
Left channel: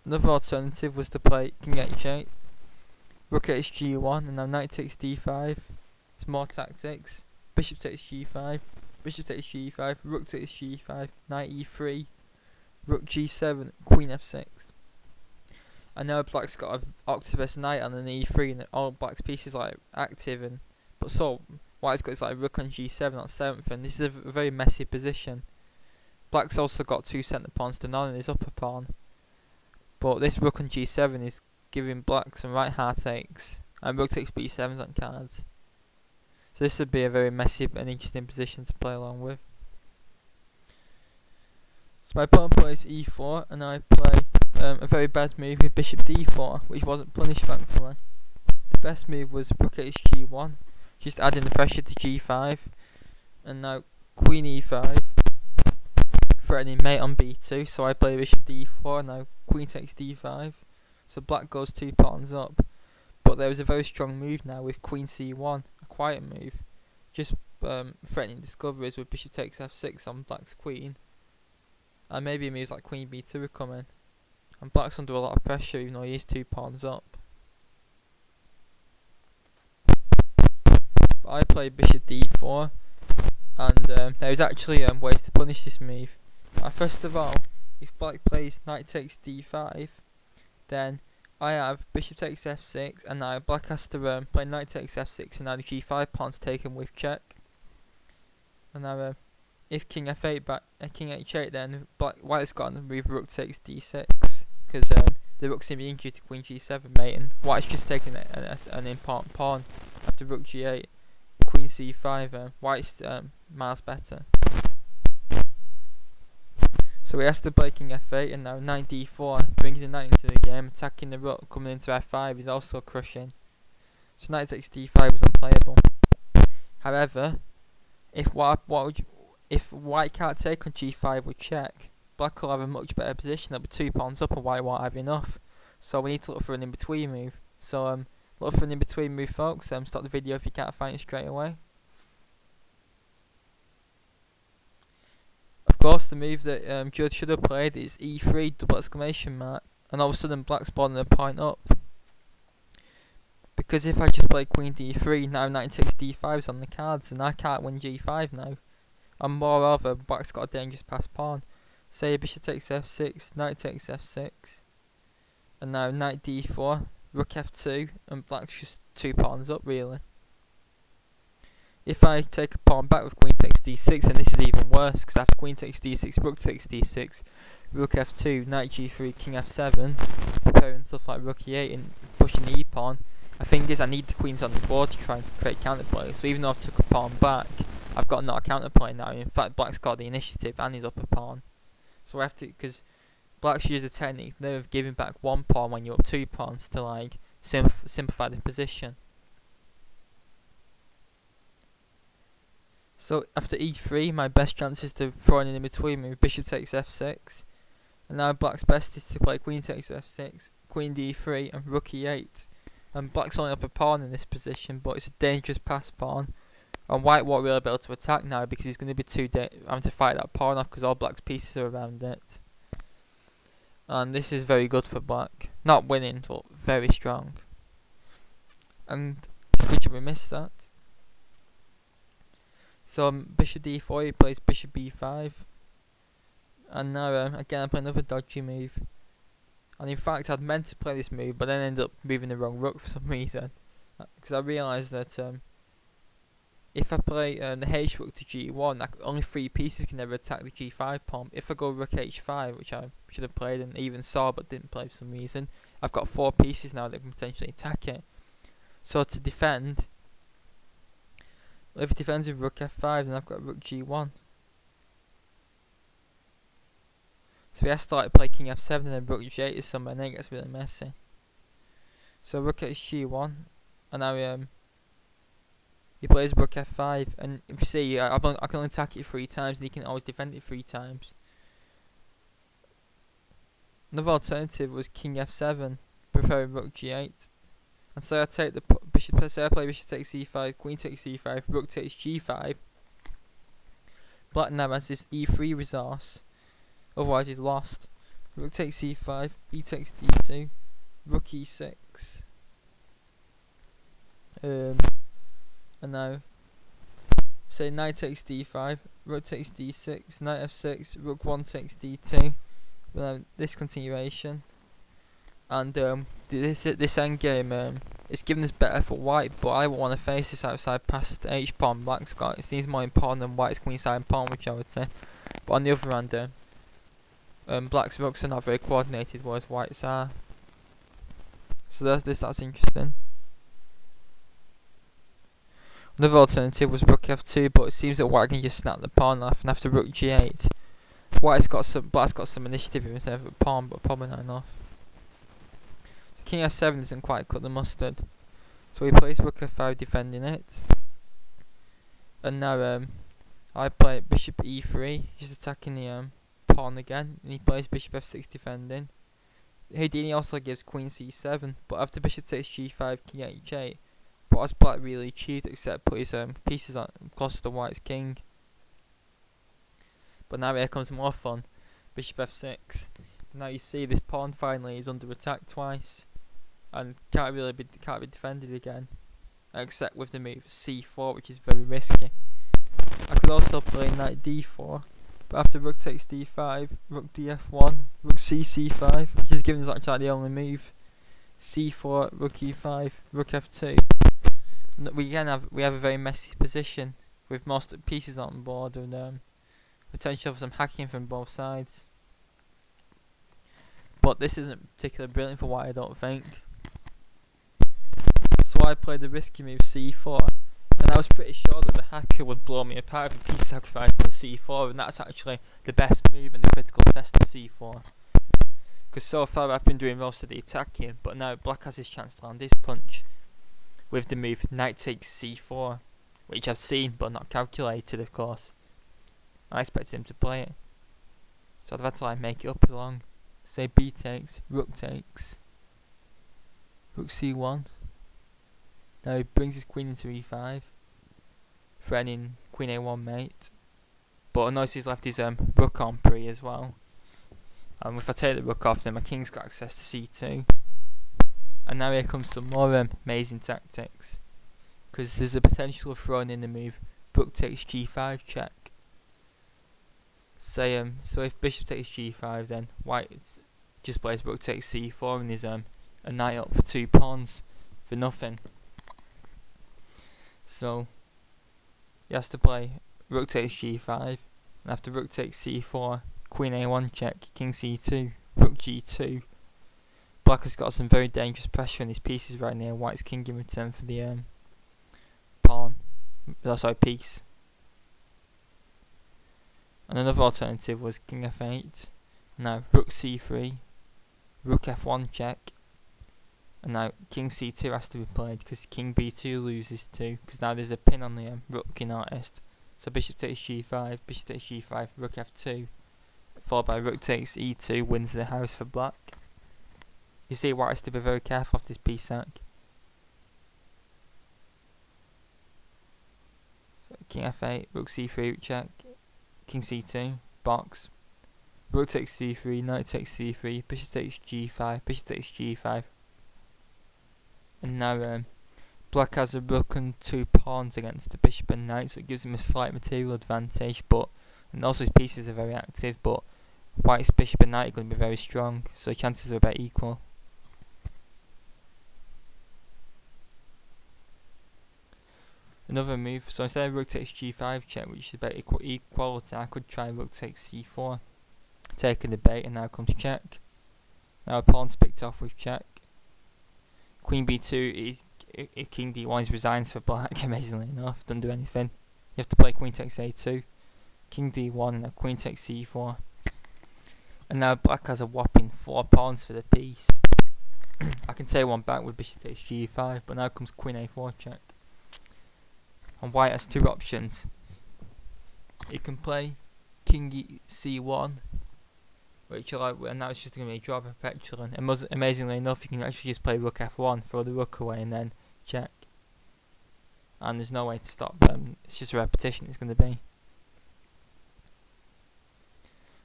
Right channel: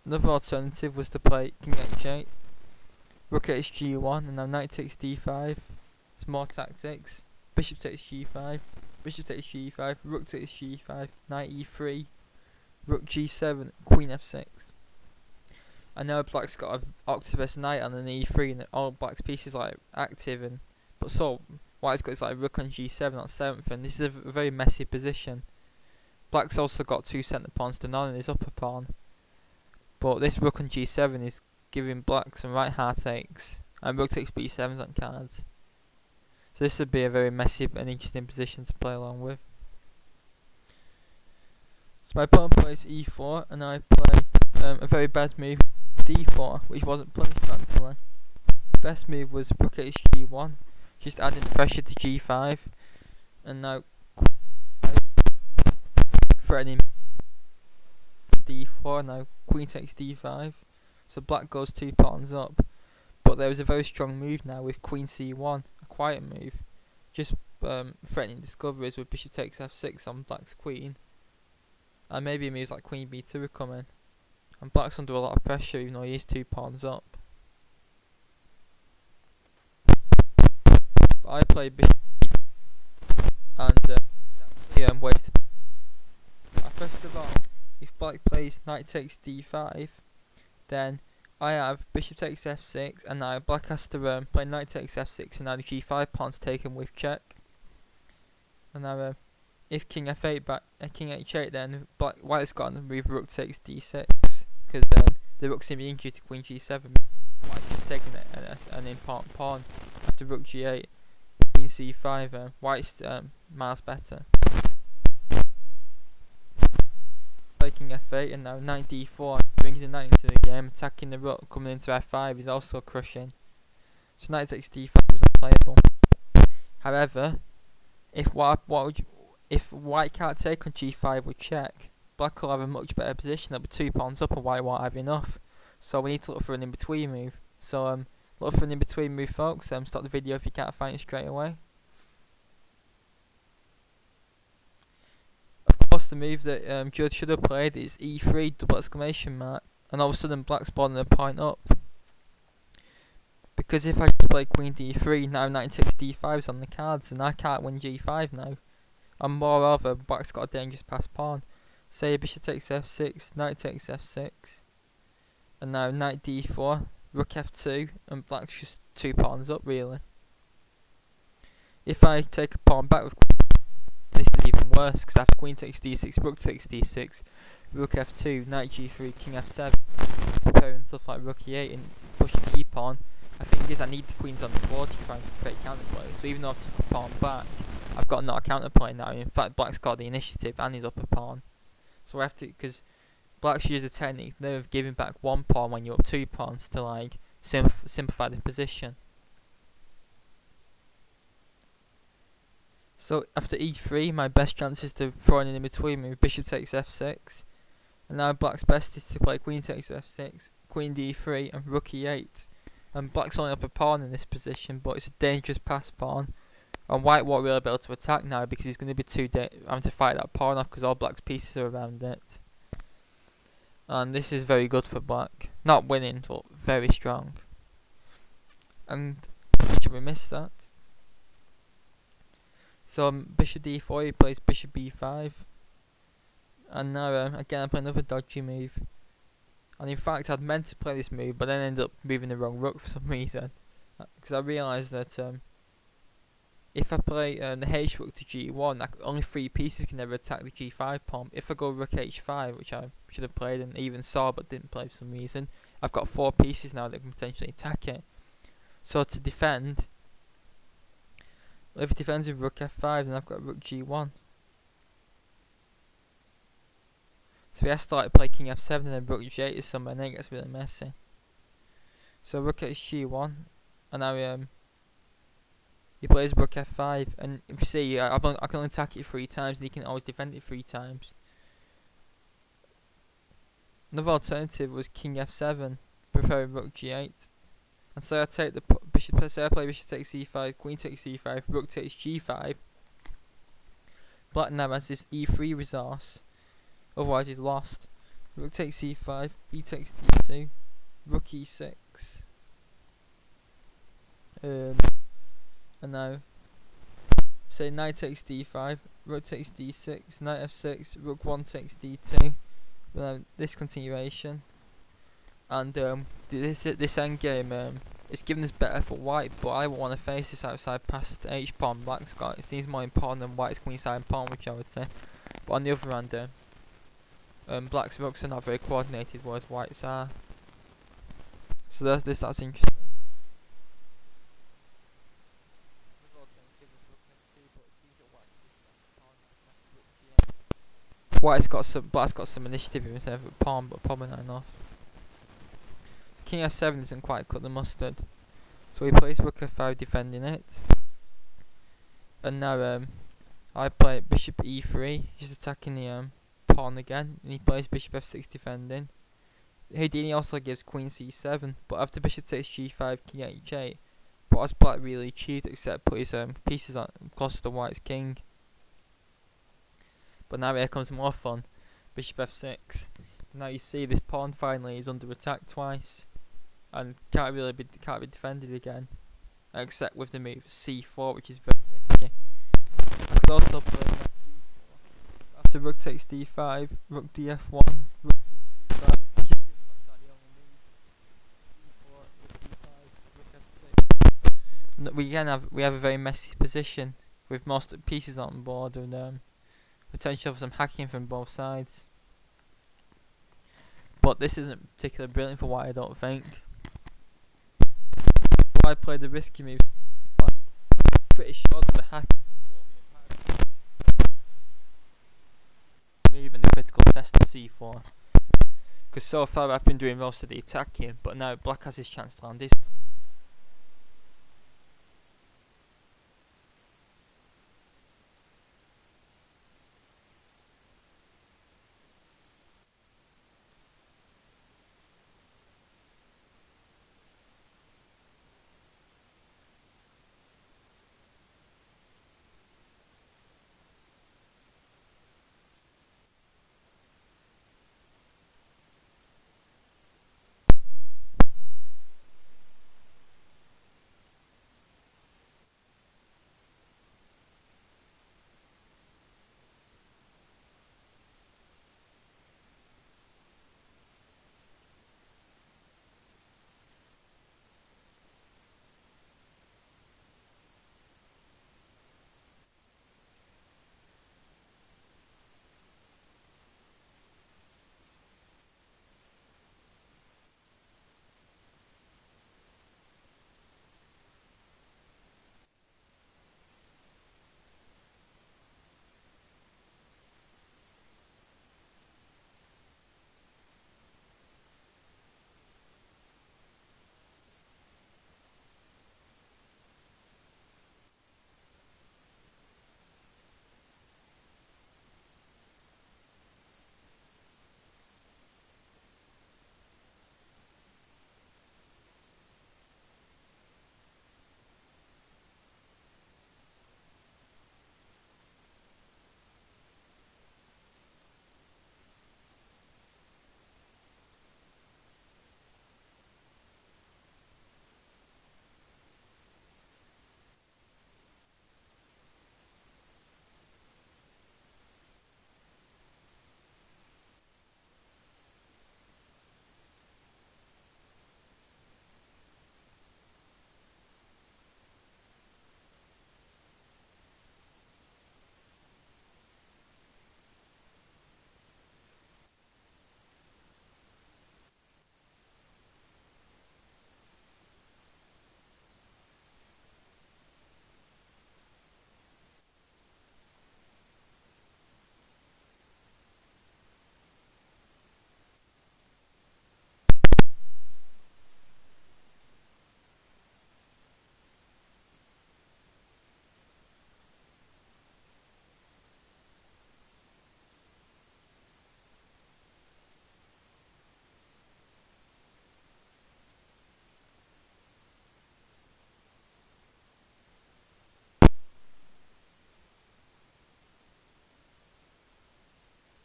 Another alternative was to play king h8, rook hg1, and now knight takes d5. It's more tactics. Bishop takes g5, bishop takes g5, rook takes g5, knight e3, rook g7, queen f6. I know black's got an octopus knight on an e3, and all black's pieces like active, but so white's got his like rook on g7 on 7th, and this is a very messy position. Black's also got two centre pawns to none in his upper pawn, but this rook on g7 is giving black some right heartaches, and rook takes b7's on cards. So this would be a very messy and interesting position to play along with. So my pawn plays e4, and I play a very bad move with bishop d4, which wasn't punished thankfully. The best move was rook hg1, just adding the pressure to g5, and now queen e5, threatening mate on b2, so I play bishop d4, and now queen takes d5, so black goes 2 pawns up. But there was a very strong move now with queen c1, a quiet move, just threatening discoveries with bishop takes f6 on black's queen. And maybe moves like queen b2 are coming. And black's under a lot of pressure even though he is 2 pawns up. But I played bishop d4, and there is actually ways to punish this move. First of all, if black plays knight takes d5, then I have bishop takes f6, and now black has to play knight takes f6, and now the g5 pawn's taken with check. And now if king f8 king h8, then white's got to move rook takes d6, because the rook's in the injury to queen g7 mate, and white's just taking an important pawn after rook g8, queen c5. White's miles better. So he has to play king f8, and now knight d4, bringing the knight into the game, attacking the rook, coming into f5 is also crushing. So knight takes d5 was unplayable. However, if white can't take on g5 with check, black will have a much better position. There'll be 2 pawns up and white won't have enough. So we need to look for an in-between move. So look for an in-between move, folks. Stop the video if you can't find it straight away. Of course, the move that Judd should have played is e3 double exclamation mark, and all of a sudden black's boarding a point up. Because if I just play queen d3, now knight takes d5 is on the cards, and I can't win g5 now. And moreover, black's got a dangerous passed pawn. Say bishop takes f6, knight takes f6, and now knight d4, rook f2, and black's just 2 pawns up really. If I take a pawn back with queen takes d6, and this is even worse, because after queen takes d6, rook takes d6, rook f2, knight g3, king f7, preparing stuff like rook e8 and pushing the e-pawn. The thing is, I need the queens on the board to try and create counterplay, so even though I've took a pawn back, I've got not a counterplay now. In fact, black's got the initiative and his upper pawn. So I have to, because black's used a technique of giving back 1 pawn when you're up 2 pawns to like simplify the position. So after e3, my best chance is to throw in between move, bishop takes f6, And now black's best is to play queen takes f6, queen d3 and rook e8. And black's only up a pawn in this position, but it's a dangerous pass pawn. And white won't really be able to attack now because he's going to be having to fight that pawn off because all black's pieces are around it. And this is very good for black. Not winning, but very strong. And it's good job we missed that. So bishop d4, he plays bishop b5. And now again I play another dodgy move. And in fact I'd meant to play this move, but then ended up moving the wrong rook for some reason. Because I realised that if I play the h rook to g1, only 3 pieces can ever attack the g5 pawn. If I go rook h5, which I should have played and even saw but didn't play for some reason, I've got 4 pieces now that can potentially attack it. So to defend, if it defends with rook f5, then I've got rook g1. So he has to like play king f7 and then rook g8 or something, and then it gets really messy. So rook h1, and now he plays rook f5, and if you see, I can only attack it 3 times, and he can always defend it 3 times. Another alternative was king f7, preferring rook g8. And so I take the bishop. Say I play bishop takes c5, queen takes c5, rook takes g5. Black now has this e3 resource, otherwise he's lost. Rook takes c5, e takes d2, rook e6. And now, say knight takes d5, rook takes d6, knight f6, rook 1 takes d2. This continuation, and this endgame it's given us better for white, but I won't want to face this outside past h pawn. Black's got it seems more important than white's queenside pawn, which I would say. But on the other hand, black's rooks are not very coordinated, whereas white's are. So that's interesting. Another alternative was rook f2, but it seems that white can just snap the pawn off, and after rook g8, black's got some initiative in terms of a pawn, but probably not enough. So king f7 doesn't quite cut the mustard, so he plays rook f5 defending it. And now I play bishop e3, he's attacking the pawn again, and he plays bishop f6 defending. Houdini also gives queen c7, but after bishop takes g5, king h8, what has black really achieved except put his pieces on close to white's king? But now here comes more fun. Bishop f6. Now you see this pawn finally is under attack twice, and can't be defended again, except with the move c4, which is very risky. I could also play knight d4, but after rook takes d5, rook df1, rook c5, which is given as actually the only move. c4, rook e5, rook f2. And we have a very messy position with most pieces on board and potential for some hacking from both sides. But this isn't particularly brilliant for white, I don't think. So I played the risky move c4, and I was pretty sure that the hacker would blow me apart with a piece sacrifice on the c4, and that's actually the best move in the critical test of c4. Because so far I've been doing most of the attacking, but now black has his chance to land his punch with the move knight takes c4, which I've seen but not calculated, of course. I expected him to play it, so I've had to like make it up along. Say b takes, rook takes, rook c1. Now he brings his queen into e5, threatening queen a1 mate. But I notice he's left his rook on pre as well. And if I take the rook off, then my king's got access to c2. And now here comes some more amazing tactics, because there's a potential of throwing in the move rook takes g5 check. Say so if bishop takes g5, then white just plays rook takes c4 and is a knight up for 2 pawns for nothing. So he has to play rook takes g5, and after rook takes c4, queen a1 check, king c2, rook g2. Black has got some very dangerous pressure on his pieces right near white's king in return for the pawn. Oh, sorry, piece. And another alternative was king f8. Now rook c3, rook f1 check, and now king c2 has to be played because king b2 loses too, because now there's a pin on the rook in artist. So bishop takes g5, bishop takes g5, rook f2, followed by rook takes e2, wins the house for black. You see white has to be very careful of this piece sack. So king f8, rook c3, check, king c2, box, rook takes c3, knight takes c3, bishop takes g5, bishop takes g5. And now black has a rook and 2 pawns against the bishop and knight, so it gives him a slight material advantage, and also his pieces are very active, but white's bishop and knight are going to be very strong, so the chances are about equal. Another move, so instead of rook takes g5 check, which is about equality, I could try rook takes c4, take a debate, and now comes check. Now a pawn's picked off with check. Queen b2 is king d1 resigns for black, amazingly enough, doesn't do anything. You have to play queen takes a2, king d1, and now queen takes c4. And now black has a whopping 4 pawns for the piece. I can take one back with bishop takes g5, but now comes queen a4 check. And white has 2 options. It can play king c1, which and now it's just going to be a draw perpetual. And amazingly enough, you can actually just play rook f1, throw the rook away, and then check. And there's no way to stop them. It's just a repetition. It's going to be.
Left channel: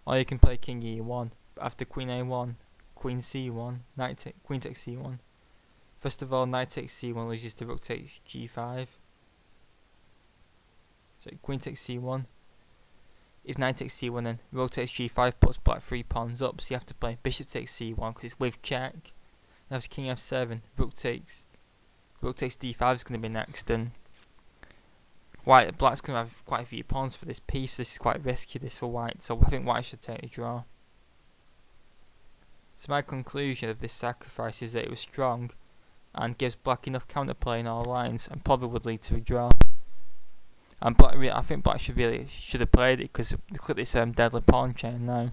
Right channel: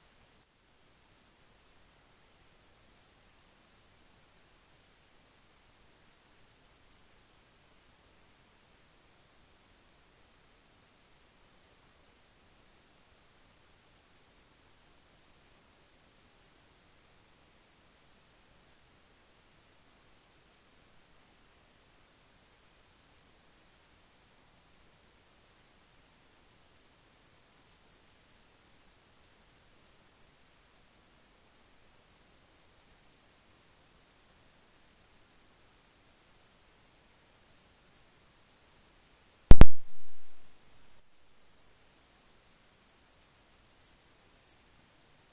Or you can play king e1 after queen a1, queen c1, queen takes c1. First of all, knight takes c1 loses to rook takes g5. So queen takes c1. If knight takes c1, then rook takes g5 puts black 3 pawns up, so you have to play bishop takes c1 because it's with check. Now it's king f7, rook takes d5 is going to be next, and black's going to have quite a few pawns for this piece. This is quite risky, this for white, so I think white should take the draw. So my conclusion of this sacrifice is that it was strong and gives black enough counterplay in all lines and probably would lead to a draw. And I think black should have played it, because look at this deadly pawn chain now.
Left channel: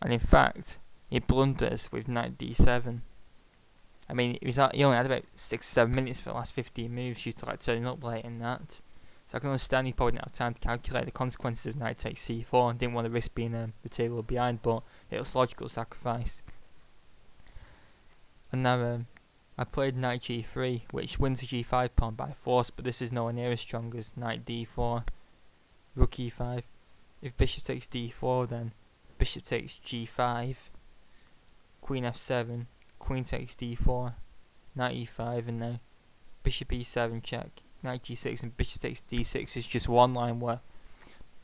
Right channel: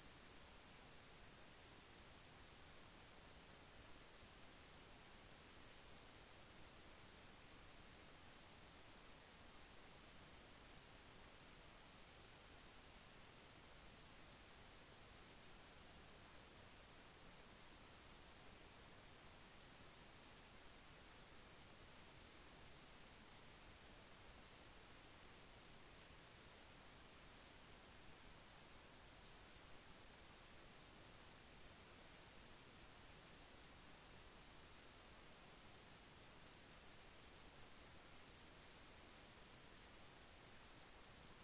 And in fact, he blunders with knight d7. I mean, he only had about 6 or 7 minutes for the last 15 moves due to turning up late in that. So I can understand he probably didn't have time to calculate the consequences of knight takes c4 and didn't want to risk being material behind, but it was logical sacrifice. And now I played knight g3, which wins the g5 pawn by force, but this is nowhere near as strong as knight d4, rook e5. If bishop takes d4, then bishop takes g5, queen f7, queen takes d4, knight e5, and now bishop e7 check, knight g6, and bishop takes d6 is just one line where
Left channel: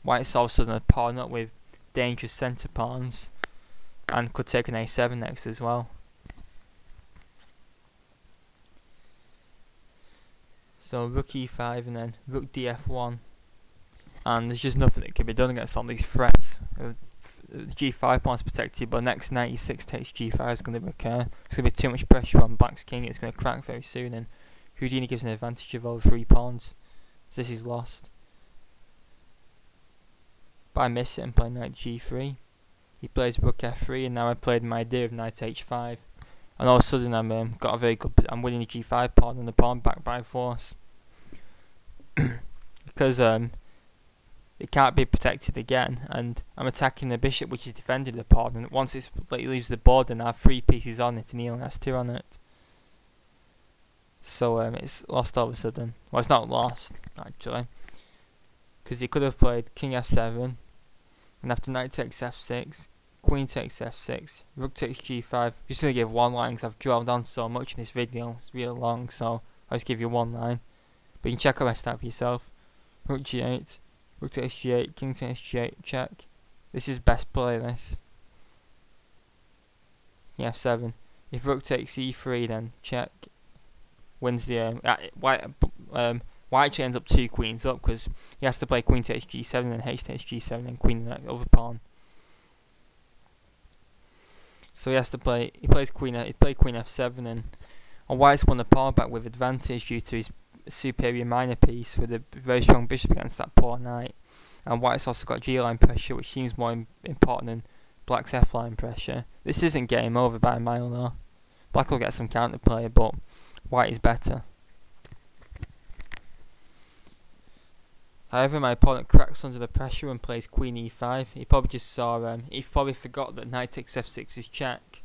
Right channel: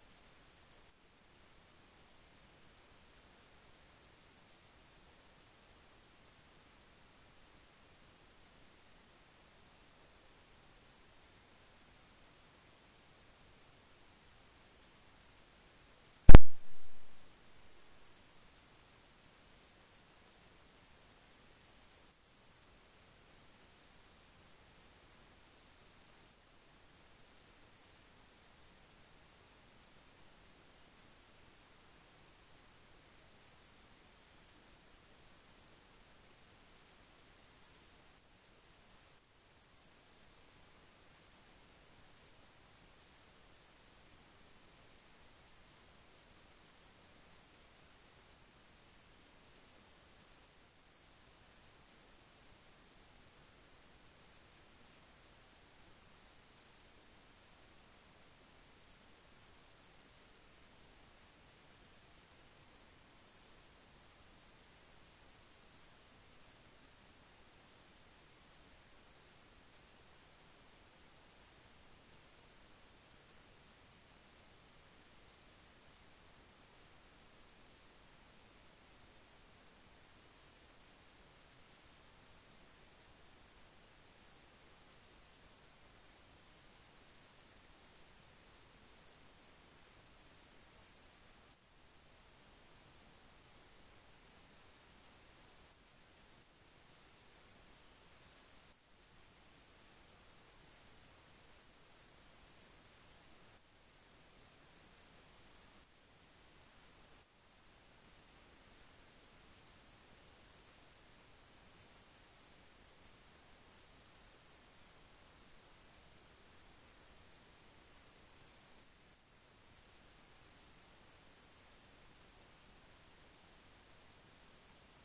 white's all of a sudden a pawn up with dangerous centre pawns, and could take an a7 next as well. So rook e5 and then rook df1, and there's just nothing that can be done against all these threats. The g5 pawn is protected, but next knight e6 takes g5 is going to occur. There's going to be too much pressure on black's king, it's going to crack very soon, and Houdini gives an advantage of over 3 pawns. So this is lost. But I miss it and play knight g3. He plays rook f3, and now I played my idea of knight h5. And all of a sudden I'm winning the g5 pawn and the pawn back by force. Because it can't be protected again, and I'm attacking the bishop which is defending the pawn, and once it leaves the board then I have 3 pieces on it and he only has 2 on it. So it's lost all of a sudden. Well, it's not lost actually, because he could have played king f7, and after knight takes f6, queen takes f6, rook takes g5. Just going to give one line because I've drilled on so much in this video, it's really long, so I'll just give you one line. But you can check the rest out for yourself. Rook g8, rook takes g8, king takes g8, check. This is best play, this. King f7. If rook takes e3, then check. Wins the white actually ends up 2 queens up, because he has to play queen takes g7, then h takes g7, then queen and the other pawn. So he plays queen f7, and white's won the pawn back with advantage due to his superior minor piece with a very strong bishop against that poor knight. And white's also got g-line pressure, which seems more important than black's f-line pressure. This isn't game over by a mile though. Black will get some counterplay, but white is better. However, my opponent cracks under the pressure and plays queen e5. He probably just saw, he probably forgot that knight takes f6 is check,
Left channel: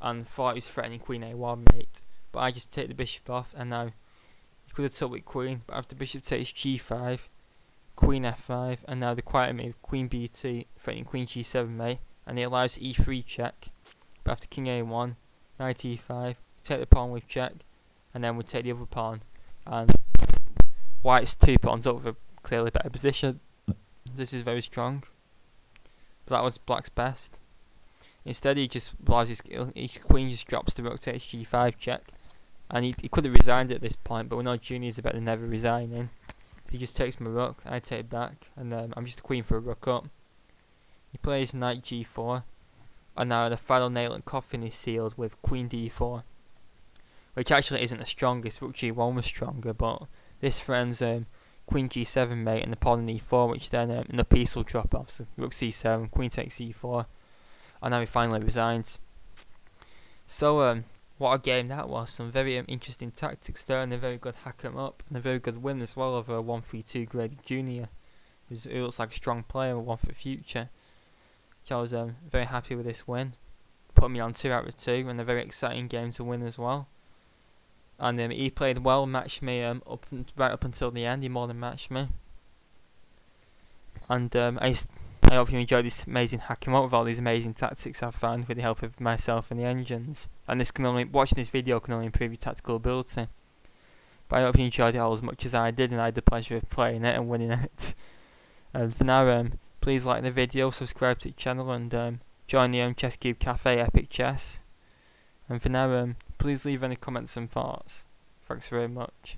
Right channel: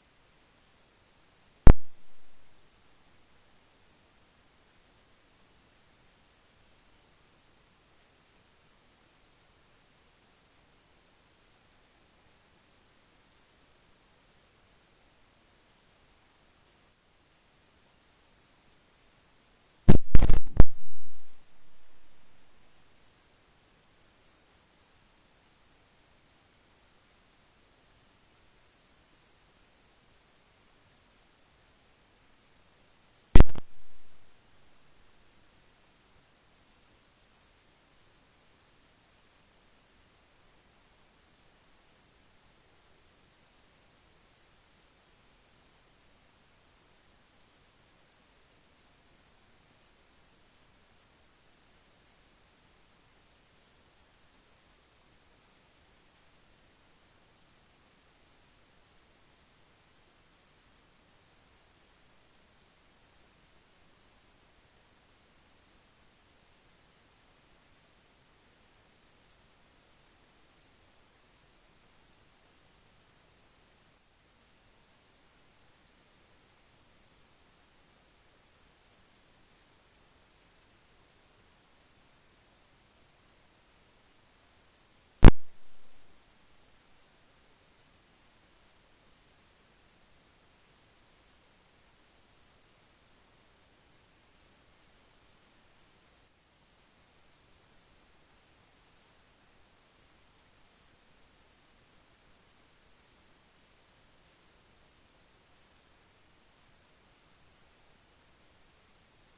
and thought he was threatening queen a1 mate. But I just take the bishop off, and now he could have took with queen, but after bishop takes g5, queen f5, and now the quiet move, queen b2, threatening queen g7 mate, and he allows e3 check, but after king a1, knight e5, take the pawn with check, and then we take the other pawn, and white's 2 pawns up with a clearly better position. This is very strong, but that was black's best. Instead he just allows his queen just drops the rook, takes g5 check, and he could have resigned at this point, but we know juniors are better than never resigning. So he just takes my rook, I take back, and I'm just a queen for a rook up. He plays knight g4, and now the final nail and coffin is sealed with queen d4, which actually isn't the strongest. Rook g1 was stronger, but this threatens queen g7 mate and the pawn in e4, which then the piece will drop off. So rook c7, queen takes e4, and now he finally resigns. So what a game that was. Some very interesting tactics there, and a very good hack 'em up, and a very good win as well over a 132 graded junior, who looks like a strong player and one for the future. So I was very happy with this win. Put me on 2 out of 2, and a very exciting game to win as well. And he played well, matched me right up until the end. He more than matched me. And I hope you enjoyed this amazing hack 'em up with all these amazing tactics I've found with the help of myself and the engines. And watching this video can only improve your tactical ability. But I hope you enjoyed it all as much as I did, and I had the pleasure of playing it and winning it. And for now, please like the video, subscribe to the channel, and join the Chess Cube Cafe Epic Chess. And for now, please leave any comments and thoughts. Thanks very much.